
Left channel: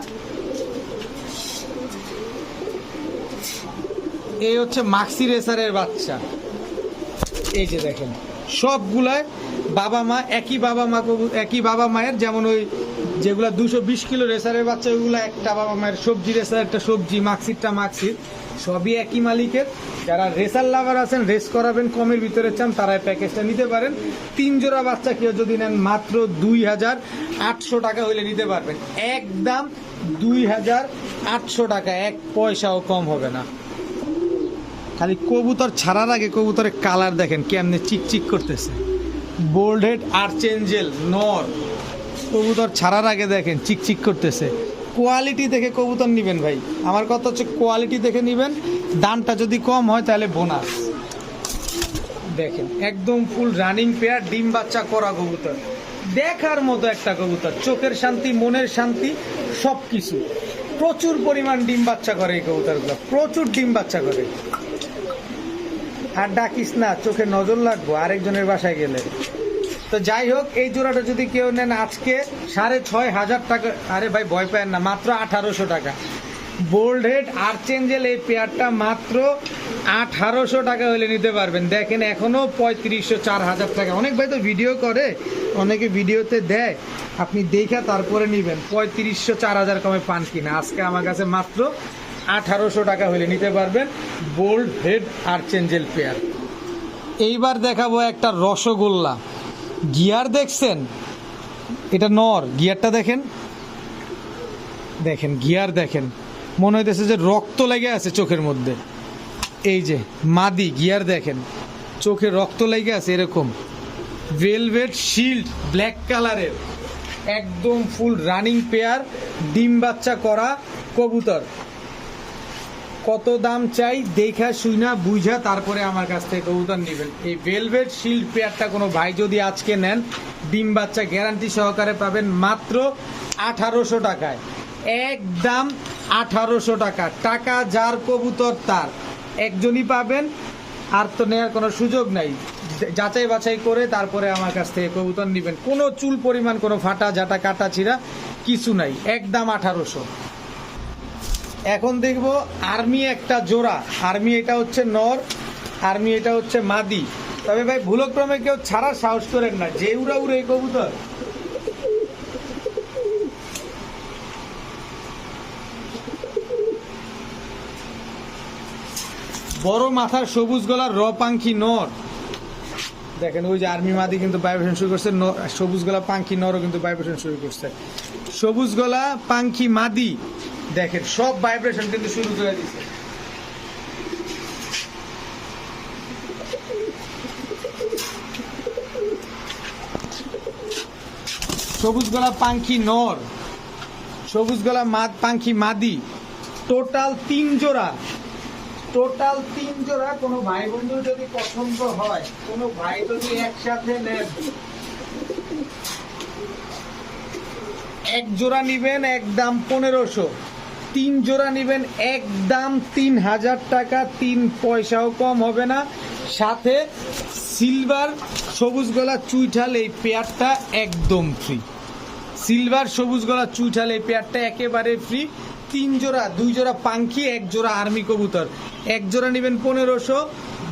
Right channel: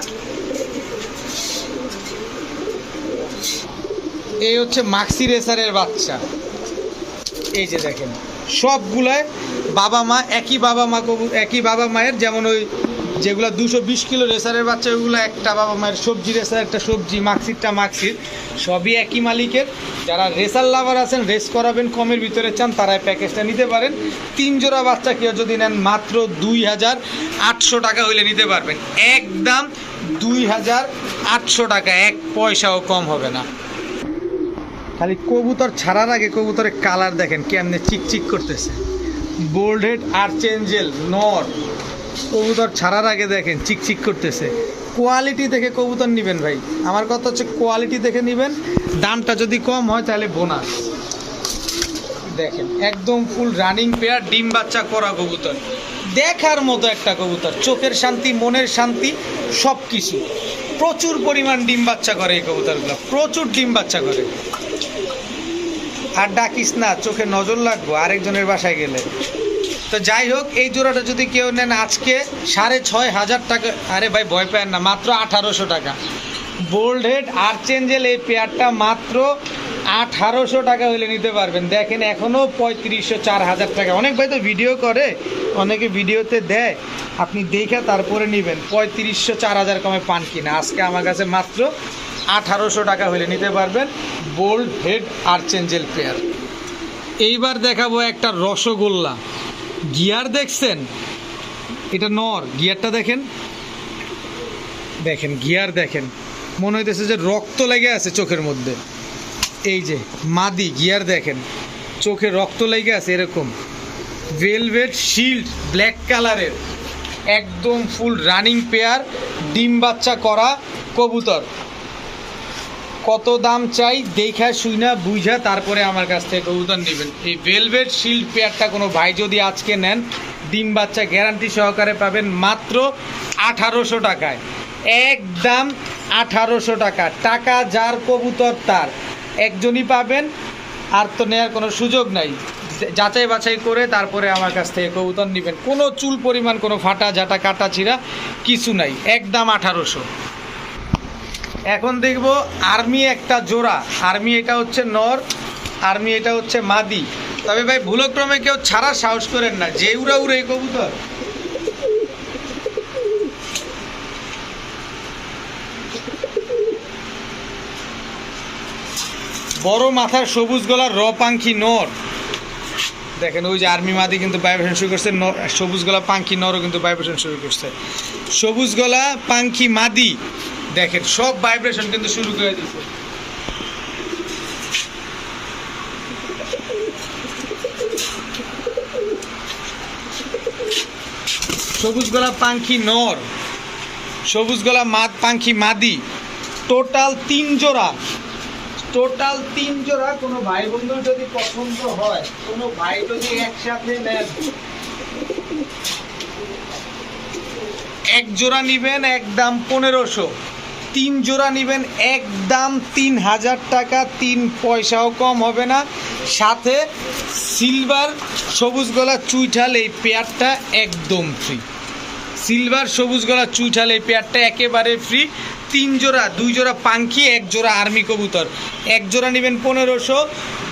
এই হচ্ছে মাক্সি রেসারের বাচ্চা। এই যে দেখেন সবগুলায় বাবা মা একই, বাবা মা একই বাবা মায়ের, যেমন ওই যেগুলো 220 কিলো রেসারের বাচ্চা ওইগুলো একটা বাবা মায়ের, সবজি রেসার একটা সবজি, মাক্সিরটা মাক্সির, সবই একই মালিকের। যারা রেসার লাভার আছেন, রেস করাবেন, কমের ভিতরে চান, তারা প্যাকেজটা নিতে পারেন। 3 জোড়া বাচ্চা কেউ যদি নেন মাত্র 2800 টাকা হইলে নিতে পারবেন। একদম 2800 টাকা, 1 পয়সাও কম হবে না। খালি কবুতর ছাড়ার আগে কবুতরের কালার দেখেন কেমনে চিকচিক করতেছে। বোল্ড হেড আর্চেঞ্জেল নর, কবুতর ছাড়ার আগে দেখেন চিকচিক করতেছে। কোয়ালিটি দেখে কবুতর নেবেন ভাই, আমার কথা হচ্ছে কোয়ালিটি দেখে নেবেন। দামটা যদি কম হয় তাহলে বোনাস। দেখেন একদম ফুল রানিং পেয়ার, ডিম বাচ্চা করা কবুতর, দেখার মতো একটা কবুতর, চোখের শান্তি মনের শান্তি সব কিছু। প্রচুর পরিমাণ ডিম বাচ্চা করে এই কবুতরগুলো, প্রচুর ডিম বাচ্চা করে। আর ডাকিস না, চোখে নজর লাগবো আরেকজনের বাসায় গেলে। তো যাই হোক, এই জোড়াটা যদি কেউ নেন আজকে 6,500 টাকা। আরে ভাই ভয় পায় না, মাত্র 1800 টাকা। বোল্ড হেড আর্চেঞ্জেল এই পেয়ারটা মাত্র 1800 টাকা হলে নিতে পারবেন। দেখেন এখনও 3500 4000 টাকা। অনেক ভাই তো ভিডিও করে, অনেকে ভিডিওতে দেয়, আপনি দেখে তারপরে নেবেন। 3500 4000 কমে পান কিনা। আজকে আমার কাছে মাত্র 1800 টাকা হলে নিতে পারবেন বোল্ড হেড আর্চেঞ্জেল পেয়ার। এইবার দেখাবো একটা রসগোল্লা গিয়ার। দেখছেন এটা নর, গিয়ারটা দেখেন, দেখেন গিয়ার দেখেন, মনে হইতেছে যে রক্ত লেগে আছে চোখের মধ্যে। এই যে মাদি গিয়ার দেখেন, চোখে রক্ত লেগে আছে এরকম। ভেলভেট শিল্ড ব্ল্যাক কালারের, একদম ফুল রানিং পেয়ার, ডিম বাচ্চা করা কবুতর। কত দাম চাই দেখা শুইনা বুঝা তারপরে আমার কাছ থেকে কবুতর নেবেন। এই ভেলভেট শিল্ড পেয়ারটা কোনো ভাই যদি আজকে নেন, ডিম বাচ্চা গ্যারান্টি সহকারে পাবেন মাত্র 1800 টাকায়। একদম 1800 টাকা। টাকা যার কবুতর তার, একজনই পাবেন, আর তো নেওয়ার কোনো সুযোগ নাই। যাচাই বাছাই করে তারপরে আমার কাছ থেকে কবুতর নেবেন। কোনো চুল পরিমাণ কোনো ফাটা ঝাঁটা কাটা ছিঁড়া কিছু নাই, একদম 1800। এখন দেখব আর্মি একটা জোড়া। আর্মি এটা হচ্ছে নর, আর্মি এটা হচ্ছে মাদি। তবে ভাই ভুলক্রমে কেউ ছাড়ার সাহস করেন না, যে উড়া উড়ে এই কবুতর। বড় মাথার সবুজ গলার র পাঙ্খি নর। দেখেন ওই যে আর্মি মাদি কিন্তু ভাইব্রেশন শুরু করছে, সবুজ গলা পাঙ্খি নরও কিন্তু ভাইব্রেশন শুরু করছে। সবুজ গলা পাঙ্খি মাদি দেখেন সব ভাইব্রেশন কিন্তু শুরু করে দিচ্ছে। সবুজ গলা পাঙ্খি নর, সবুজ গলা পাঙ্খি মাদি, টোটাল 3 জোড়া। টোটাল 3 জোড়া। কোনো ভাই বন্ধুর যদি পছন্দ হয়, কোনো ভাই যদি একসাথে নেন, এক জোড়া নিবেন একদম 1500, 3 জোড়া নিবেন একদম 3000 টাকা, 3 পয়সাও কম হবে না। সাথে সিলভার সবুজ গলা চুইঠাল এই পেয়ারটা একদম ফ্রি। সিলভার সবুজ গলা চুইঠাল এই পেয়ারটা একেবারে ফ্রি। 3 জোড়া, 2 জোড়া পাঙ্খি, 1 জোড়া আর্মি কবুতর। 1 জোড়া নেবেন 1500,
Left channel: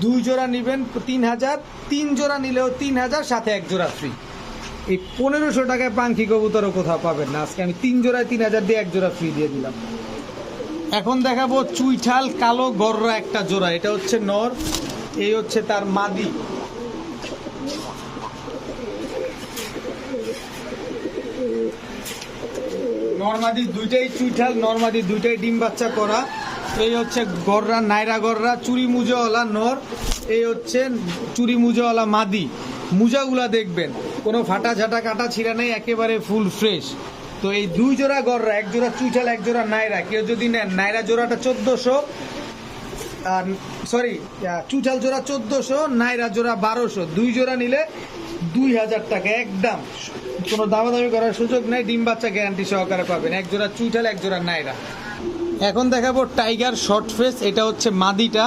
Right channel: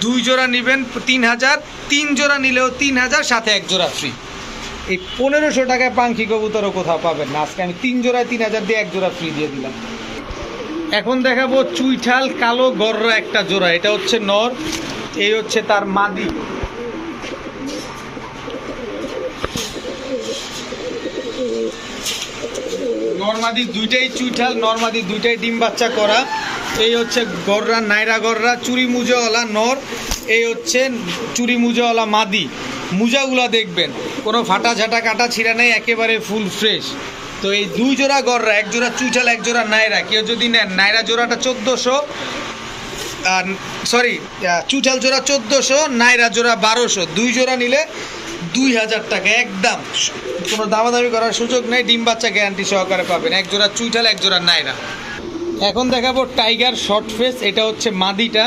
2 জোড়া নেবেন 3000, 3 জোড়া নিলেও 3000, সাথে 1 জোড়া ফ্রি। এই 1500 টাকায় পাঙ্খি কবুতরও কোথাও পাবেন না। আজকে আমি 3 জোড়ায় 3000 দিয়ে 1 জোড়া ফ্রি দিয়ে দিলাম। এখন দেখাবো চুইঠাল কালো গররা একটা জোড়া। এটা হচ্ছে নর, এই হচ্ছে তার মাদি। নরমাদি দুইটাই চুইঠাল, নরমাদি দুইটাই ডিম বাচ্চা করা। এই হচ্ছে গররা, নাইরা গররা, চুরি মুজাওয়ালা নর। এই হচ্ছে চুরি মুজাওয়ালা মাদি। মুজাগুলা দেখবেন কোনো ফাটা ঝাঁটা কাটা ছিঁড়া নেই, একেবারে ফুল ফ্রেশ। তো এই 2 জোড়া গররা, 1 জোড়া চুইঠাল, 1 জোড়া নাইরা। কেউ যদি নেন, নাইরা জোড়াটা 1400, সরি চুইঠাল জোড়া 1400, নাইরা জোড়া 1200। 2 জোড়া নিলে 2000 টাকা একদম, কোনো দামাদামি করার সুযোগ নেই। ডিম বাচ্চা গ্যারান্টি সহকারে পাবেন। 1 জোড়া চুইঠাল, 1 জোড়া নাইরা। এখন দেখাবো টাইগার শর্ট ফেস। এটা হচ্ছে মাদিটা,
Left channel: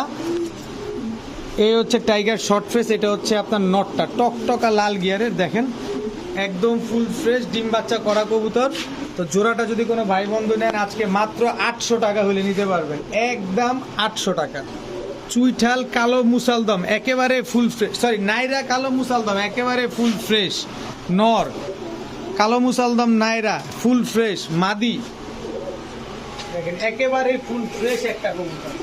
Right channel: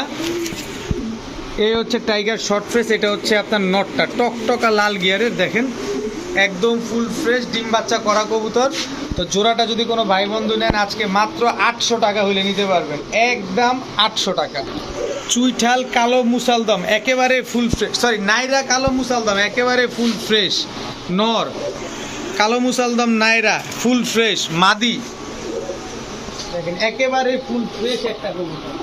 এই হচ্ছে টাইগার শর্ট ফেস। এটা হচ্ছে আপনার নটটা, টকটকা লাল গিয়ারের। দেখেন একদম ফুল ফ্রেশ ডিম বাচ্চা করা কবুতর। তো জোড়াটা যদি কোনো ভাই বন্ধু নেন আজকে মাত্র 800 টাকা হলে নিতে পারবেন, একদম 800 টাকা। চুইঠাল কালো মুসালদম একেবারে ফুল ফ্রেশ, সরি নাইরা কালো মুসালদম একেবারে ফুল ফ্রেশ নর, কালো মুসালদম নাইরা ফুল ফ্রেশ মাদি। দেখেন একেবারে ফুল ফ্রেশ একটা কবুতর।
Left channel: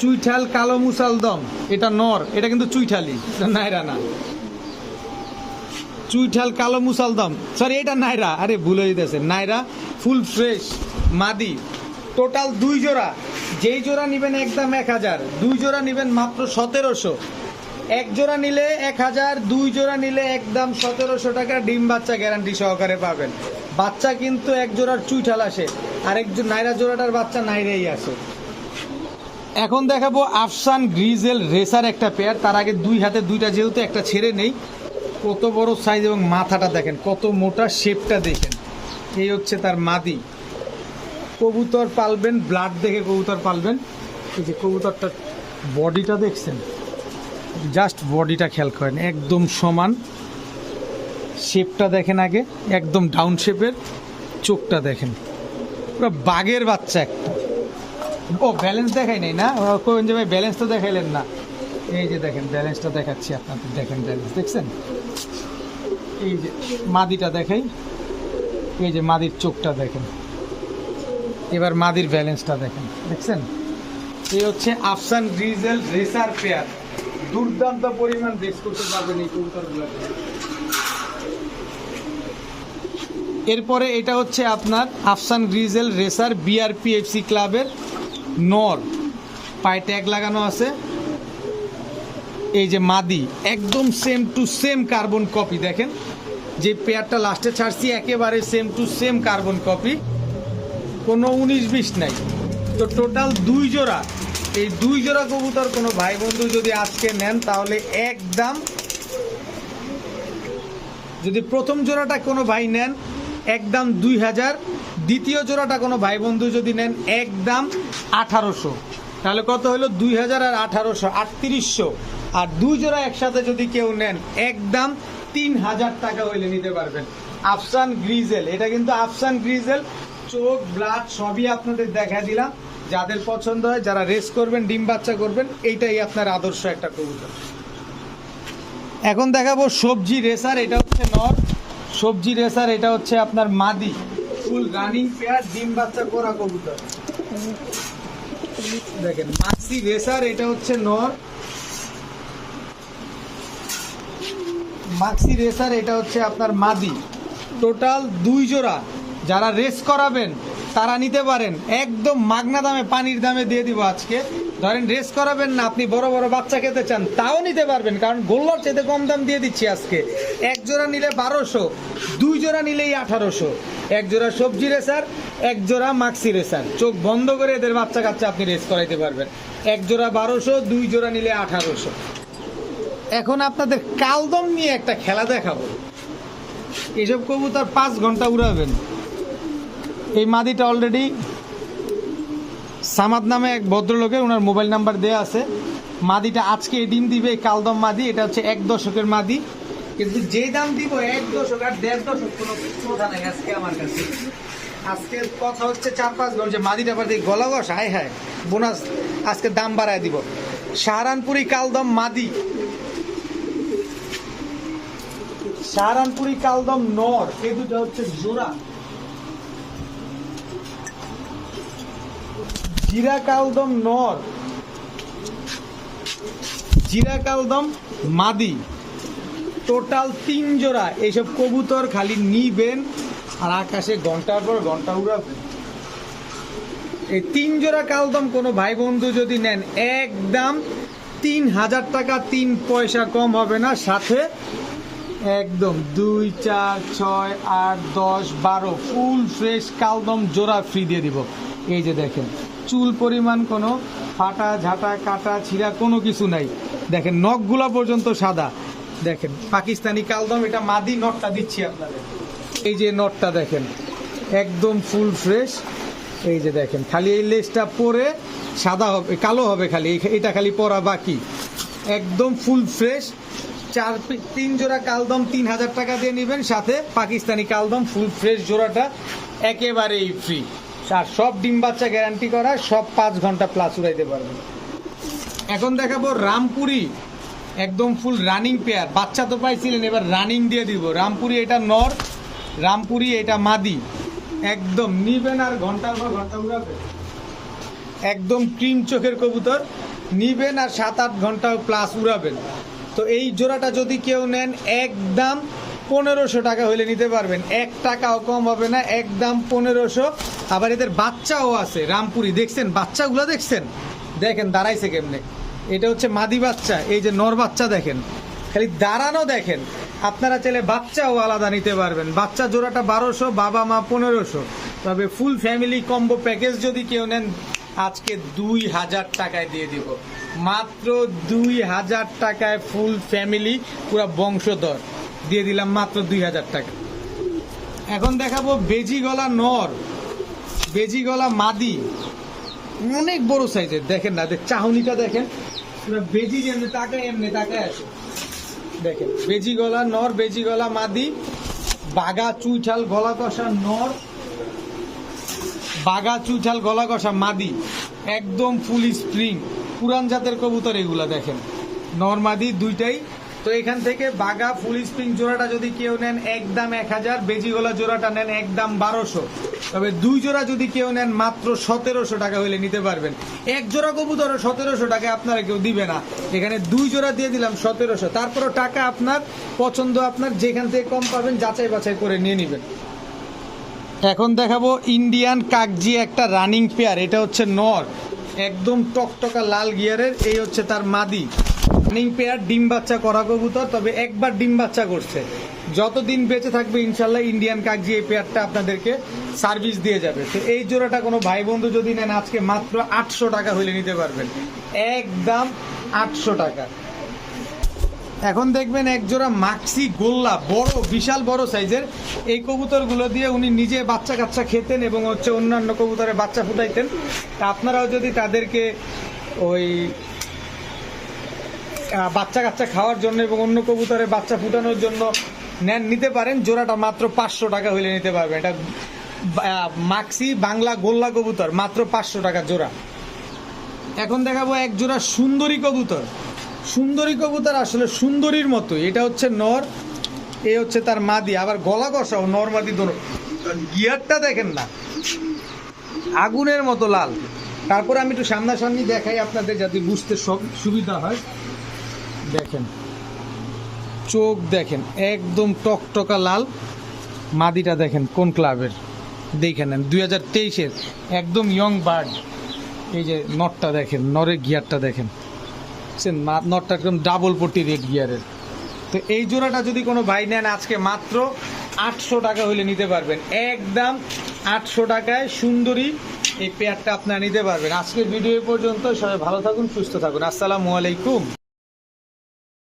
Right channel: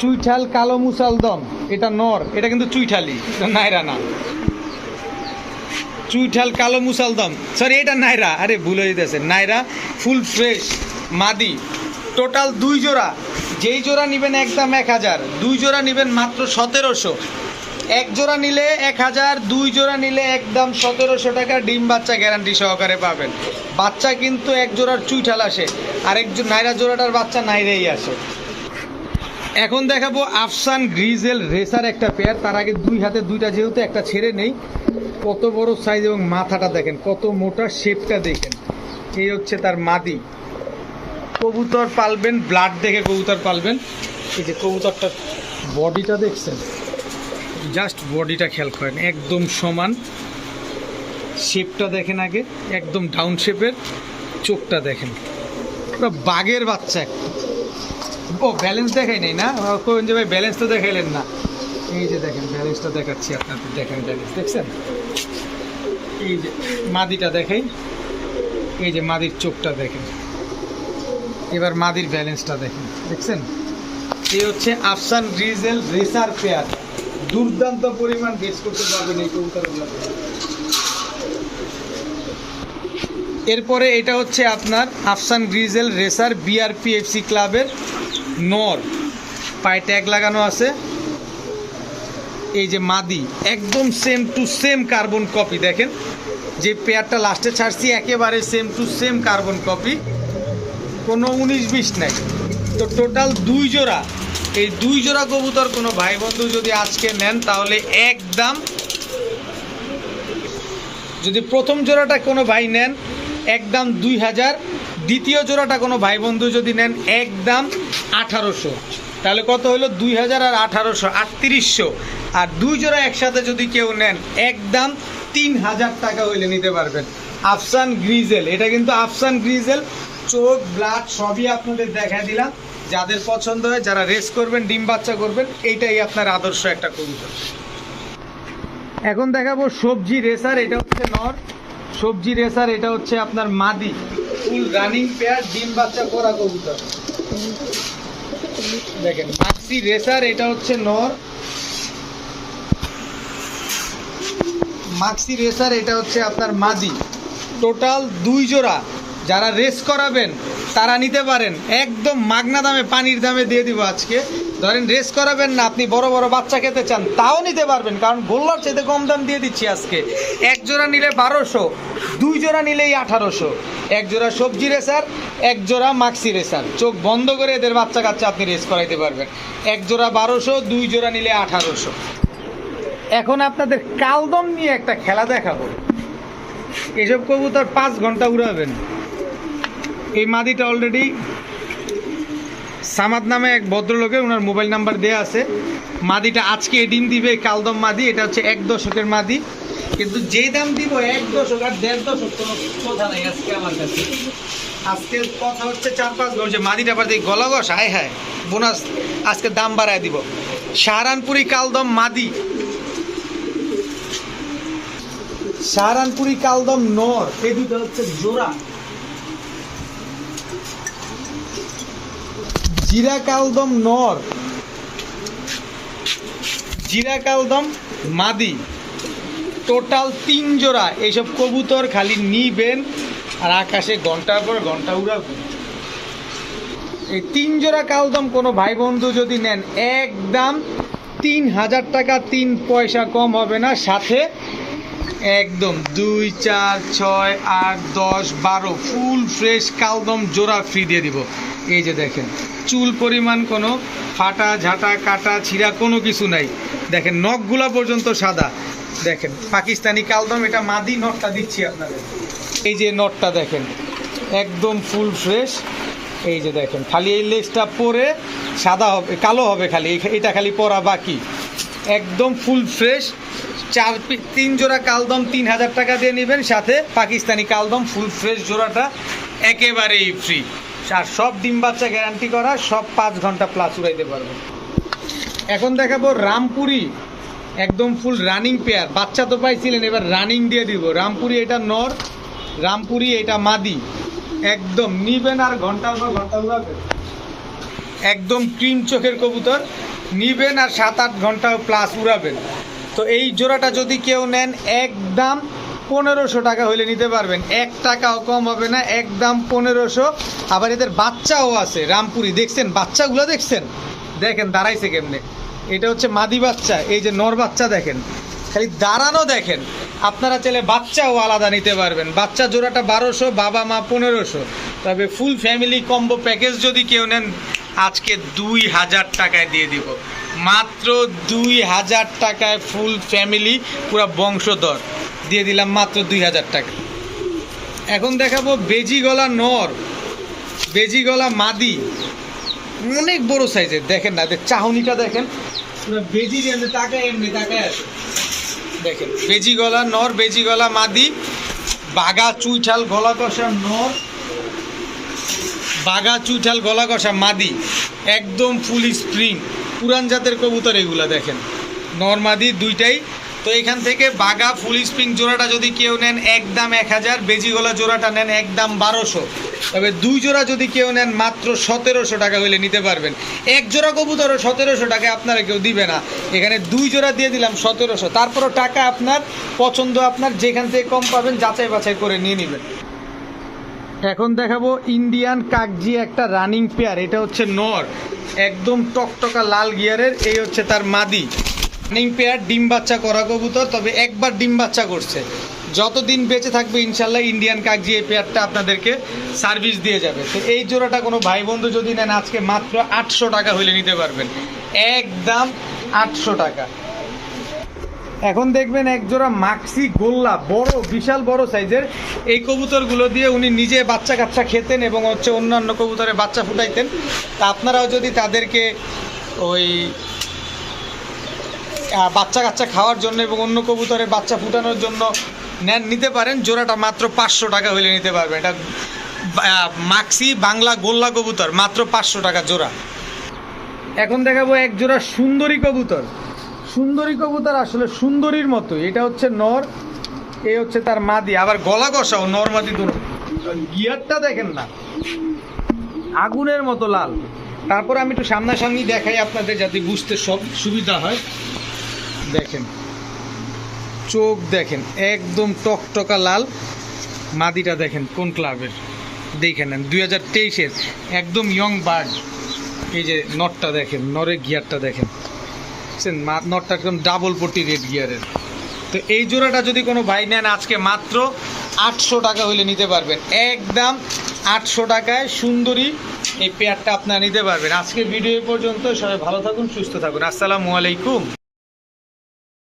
চুইঠাল কালো মুসালদম এটা নর, এটা কিন্তু চুইঠালি, নাইরা না। চুইঠাল কালো মুসালদম, সরি এটা নাইরা, আরে ভুল হয়ে যেতেছে, নাইরা ফুল ফ্রেশ মাদি। টোটাল 2 জোড়া, যেই জোড়া নেবেন একদম 1000, 2 জোড়া নেবেন মাত্র 1700, 1 জোড়া নিলে 1000, 2 জোড়া নিলে একদম 1700 টাকা ডিম বাচ্চা গ্যারান্টি সহকারে পাবেন। বাচ্চা কিন্তু 1 জোড়ার চুইঠাল আসে, আর একজন নাইরা জোড়াটার বাচ্চা নাইরাই আসে। এখন দেখাবো আফসান গ্রিজেল রেসার একটা পেয়ার। তার আগে 2 হাতে 2টা, যেহেতু একটা ছেড়ে নেই। কত বড় সাইজ এবং মাথাটা দেখেন, কত মোটা, শেপটা দেখেন। এই হচ্ছে তার মাদি। কবুতর পালবেন, ব্লাড দেখে কবুতর পালবেন। এই যে কবুতরটার বডিটা দেখছেন, জাস্ট বডিটা খেয়াল করেন, একদম সমান। শেপটা দেখেন আগে, একদম ডাউন শেপের। চোখটা দেখেন, পুরো বাঘের বাচ্চা একটা। ও ব্যালেন্স দেখাই নেই না, কোন যে ভাই ব্যালেন্স তো দেখাইলেন না। এই যে দেখেন, ব্যালেন্সটা দেখাচ্ছি আপনাদের, দেখেন ব্যালেন্স দেখছেন। এই যে মাদিটা দেখাই, এই যে মাদির চোখটা দেখেন। এবার মাদির ব্যালেন্সটা দেখেন, দেখছেন। এই হচ্ছে আফসান গ্রিজেল রেসার পেয়ার। দুর্দান্ত পরিমাণ বেস করতে পারবেন এই কবুতরগুলো। এরপরে এটা হচ্ছে আপনার আফসান গ্রিজেল রেসার বিআরপিএফসি ক্লাবের নর, পায়ে ট্যাগ লাগানো আছে। এই যে মাদি, একদম same to same carbon copy. দেখেন যে পেয়ারটা লাস্টে ছাড়ছি, একেবারে same to same carbon copy, কোনো 19-20 নাই। তো টোটাল 2 জোড়া, এই 2 জোড়া কবুতর কোনো ভাই বন্ধু যদি আজকে নেন তাহলে একদম, যদি প্রথম জোড়াটা কোনো ভাই নেন একদম 2000, দ্বিতীয় জোড়াটা কোনো ভাই বন্ধু যদি নেন একদম 1800, তাহলে কত হলো? 2000 আর 1800, 3800। আর 2 জোড়া একসাথে যদি কেউ নেন একদম 3000 টাকা হইলে নিতে পারবেন। আফসান গ্রিজেল, এটা কিন্তু আফসান গ্রিজেল। চোখ, ব্লাড সবই আপনাদের দেখা দিলাম। যাদের পছন্দ হয়, যারা রেস করবেন, ডিম বাচ্চা করবেন, এইটাই আপনার আদর্শ একটা কবুতর। এখন দেখাবো সবজি রেসার। এটা হচ্ছে নর। সবজি রেসার, এটা হচ্ছে আপনার মাদি। ফুল রানিং পেয়ার, ডিম বাচ্চা করা কবুতর। দেখেন মাক্সি রেসার, এটা হচ্ছে নর। মাক্সি রেসার, এটা হচ্ছে আপনার মাদি। টোটাল 2 জোড়া। যারা রেস করাবেন তারা নিতে পারেন, একদম মাগনা দামে, পানির দামে দিয়ে দিব আজকে। ধরেন রেস করাবেন না, আপনি বড় বড় বাচ্চা খেতে চান, তাও নিতে পারবেন, কারণ গোল্লার চাইতে কম দাম দিয়ে দিচ্ছি আজকে। 1 জোড়া নিলে 1200, 2 জোড়া নিলেই 1800। 1 জোড়া সবজি রেসার, 1 জোড়া মাক্সি রেসার। চোখ বন্ধ করে এদের বাচ্চা কাচ্চা আপনি রেস করাইতে পারবেন। 1 জোড়া 1200, 2 জোড়া নিলে 1800। এখন আপনাদের কালদম নিয়ে একটা খেলা দেখাবো। এসব কবুতর 5 ঘন্টা উড়াবেন। এই মাদিটা অলরেডি সামাদ নামে এক ভদ্রলোকের, ওনার মোবাইল নাম্বার দেওয়া আছে। মাদিটা আজকে ডিম দিবে, কালদম মাদি। এটা হচ্ছে 1 দশকের মাদি, কিন্তু যেই দাম দিব 1 দশক আর 1.5 দশক কোনো কথা নাই আজকে আমার কাছে। আজকে কথা হচ্ছে 4-5 ঘন্টা। মাদিটা পার দিয়ে গলা গস, হায় হায়, বোনাস আজকে দাম বাড়ায় দিব। সাহারানপুরি কালদম মাদি, সাহারানপুরি কালদম নর, এই দুটো হচ্ছে জোড়া। জিরা কালদম নর, জিরা কালদম মাদি। টোটাল 3 জোড়া। এইসব কবুতর খালি নিবেন আর আকাশে ঘন্টার পর ঘন্টা উড়াবেন। এই 3 জোড়া কালদম কোনো ভাই বন্ধু যদি নেন একদম 3000 টাকা, 3 পয়সা কম হবে না। সাথে একদম 2, 4, 6, 8, 10, 12 ফুল ফ্রেশ কালদম জোড়া ফ্রি দিয়ে দিব। এই যে দেখেন, চুল পরিমাণ কোনো ফাটা, ঝাঁটা, কাটা, ছিঁড়া কোনো কিছু নাই। দেখেন নখগুলা পর্যন্ত সাদা। দেখেন পাকিস্তানি কালদম, এটা মাদি। নটটা দিচ্ছি আপনাদের, এই যে নটটা দেখেন, একদম ফুল ফ্রেশ। এই যে দেখেন, খালি এই লেজটা পরে সাদা হবে, কালো হবে খালি, এটা খালি পরা বাকি। একদম ফুল ফ্রেশ। 3 জোড়া কালদম 3000 টাকা দিয়ে নেবেন, সাথে পাকিস্তানি কালদম ফুল ফ্রেশ জোড়াটা একেবারেই ফ্রি। আর সব ডিম বাচ্চা গ্যারান্টি করা, সব 5 ঘন্টা প্লাস উড়াইতে পারবেন। এখন দেখাবো রামপুরি, একদম ফুল রানিং পেয়ার। বাচ্চা তো পাইছিলেন, এবার রানিং দিয়ে দিব। রামপুরি এটা নর, রামপুরি এটা মাদি। একদম নিবেন আর ঘন্টার পর ঘন্টা উড়াবেন। একদম ক্রিম চোখের কবুতর, নিবেন আর 7-8 ঘন্টা প্লাস উড়াবেন। তো এই জোড়াটা যদি কেউ নেন একদম 1500 টাকা হইলে নিতে পারবেন, 1 টাকাও কম হবে না, একদম 1500। আবার এদের বাচ্চাও আছে রামপুরি, দেখছেন বাচ্চাগুলো, দেখছেন, দেখেন দাঁড়াইছে কেমনে। এটা হচ্ছে মাদি বাচ্চা, এই যে নর বাচ্চা দেখেন, খালি দাঁড়ানো দেখেন। আপনারা চাইলে বাচ্চাও আলাদা নিতে পারবেন। বাচ্চা জোড়াটা 1200, বাবা মা 1500। তবে ফুল ফ্যামিলি কম্বো প্যাকেজ যদি কেউ নেন আজকে 2000 টাকায় দিয়ে দিব, মাত্র 2000 টাকায় ফুল ফ্যামিলি পুরো বংশধর দিয়ে দিলাম মাত্র 2000 টাকা। এখন দেখাবো বেজি গলা নর, বেজি গলা মাদি, অনেক বড় সাইজের, দেখেন না চাহনিটা দেখেন, পুরো বেজি এমনি তাকায়, এমনি তাকায় আছে, দেখেন বেজি গলা নর, বেজি গলা মাদি, বাগা চুইঠাল গলা কষা নর, বাগা চুইঠাল গলা কষা মাদি, একদম ফুল স্প্রিং পুরান জাতের কবুতর এগুলা, দেখেন নর মাদি দুইটাই। তো এখান থেকে বাগা ফুল স্প্রিং জোড়াটা যদি কেউ নেন একদম 1000, বেজি গলা জোড়াটা নেন একদম 1200। তবে 2 জোড়া যদি কেউ নেন মাত্র 1700 টাকা হইলে নিতে পারবেন। 1 জোড়া কবুতর 1700 টাকায় আপনারা কেউ দিবে না, এখানে 2 জোড়া দিয়ে দিলাম 1700। তারপরও টাকা আপনার পছন্দ, আপনার যেখান থেকে কম পাবেন যাচাই বাছাই করে নিয়ে নেবেন। এখন দেখাবো ইন্ডিয়ান কাকজি একটা রানিং পেয়ার, এটা হচ্ছে নর, একদম টকটকা লাল গিয়ারের, এই হচ্ছে তার মাদি। রানিং পেয়ার, ডিম বাচ্চা করা কবুতর, তবে একবার ডিম বাচ্চা করছে, যতদিন বেঁচে থাকবে ইনশাল্লাহ ইন্ডিয়ান কাকজি এই পেয়ারটা আপনাদেরকে সার্ভিস দিয়ে যাবে। তো এই জোড়াটা কোনো ভাই বন্ধু যদি নেন আজকে মাত্র 800 টাকা হইলে নিতে পারবেন, একদম 800 টাকা। এখন দেখবেন এক জোড়া মাক্সি গোল্লা, বড় বিশাল বড় সাইজের, এই কবুতরগুলো দিয়ে উনি নিজে বাচ্চা কাচ্চা খেতেন এবং হচ্ছে অন্যান্য কবুতরে বাচ্চা ফুটাইতেন। তা আপনারাও যদি তাদেরকে ওই বাচ্চা কাচ্চা খাওয়ার জন্য এবং অন্য কবুতরের বাচ্চা ফুটানোর জন্য নেন, নিতে পারেন। জোড়াটা মাত্র 500 টাকা হইলে নিতে পারবেন। এটা মাক্সি বাংলা গোল্লা কবুতর, মাত্র 500 টাকা জোড়া। এখন দেখাবো এক জোড়া সুন্দরী কবুতর, সুন্দরী কবুতর আসলে সুন্দরীর মতো, এটা হচ্ছে নর, এই হচ্ছে তার মাদি, আবার গলা কষাও নর মাদি দুটো। গিয়ারটা দেখেন না, আগুনের মতো লাল। তারপরে আমি একটু সামনাসামনি দেখাই আপনাদের যাতে বুঝতে সব সুবিধা হয়। দেখেন চোখ দেখেন, একদম টকটকা লাল। মাদিটা দেখেন কোন ক্লাবের, দেখে নেন 2023-এর একদম ইয়ং বার্ড। এই যে নটটা দেখেন, নরের গিয়ারটা দেখেন, নটটা একদম ডাবল পট্টি রেড গিয়ারের। তো এই জোড়াটা যদি কোনো ভাই নেন আজকে মাত্র 800 টাকা হলে নিতে পারবেন, একদম 800 টাকায় সুন্দরী এই পেয়ারটা আপনারা নিতে পারবেন। আজকের ভিডিও পর্যন্ত, সবাই ভালো থাকুন, সুস্থ থাকুন, আসসালামু আলাইকুম।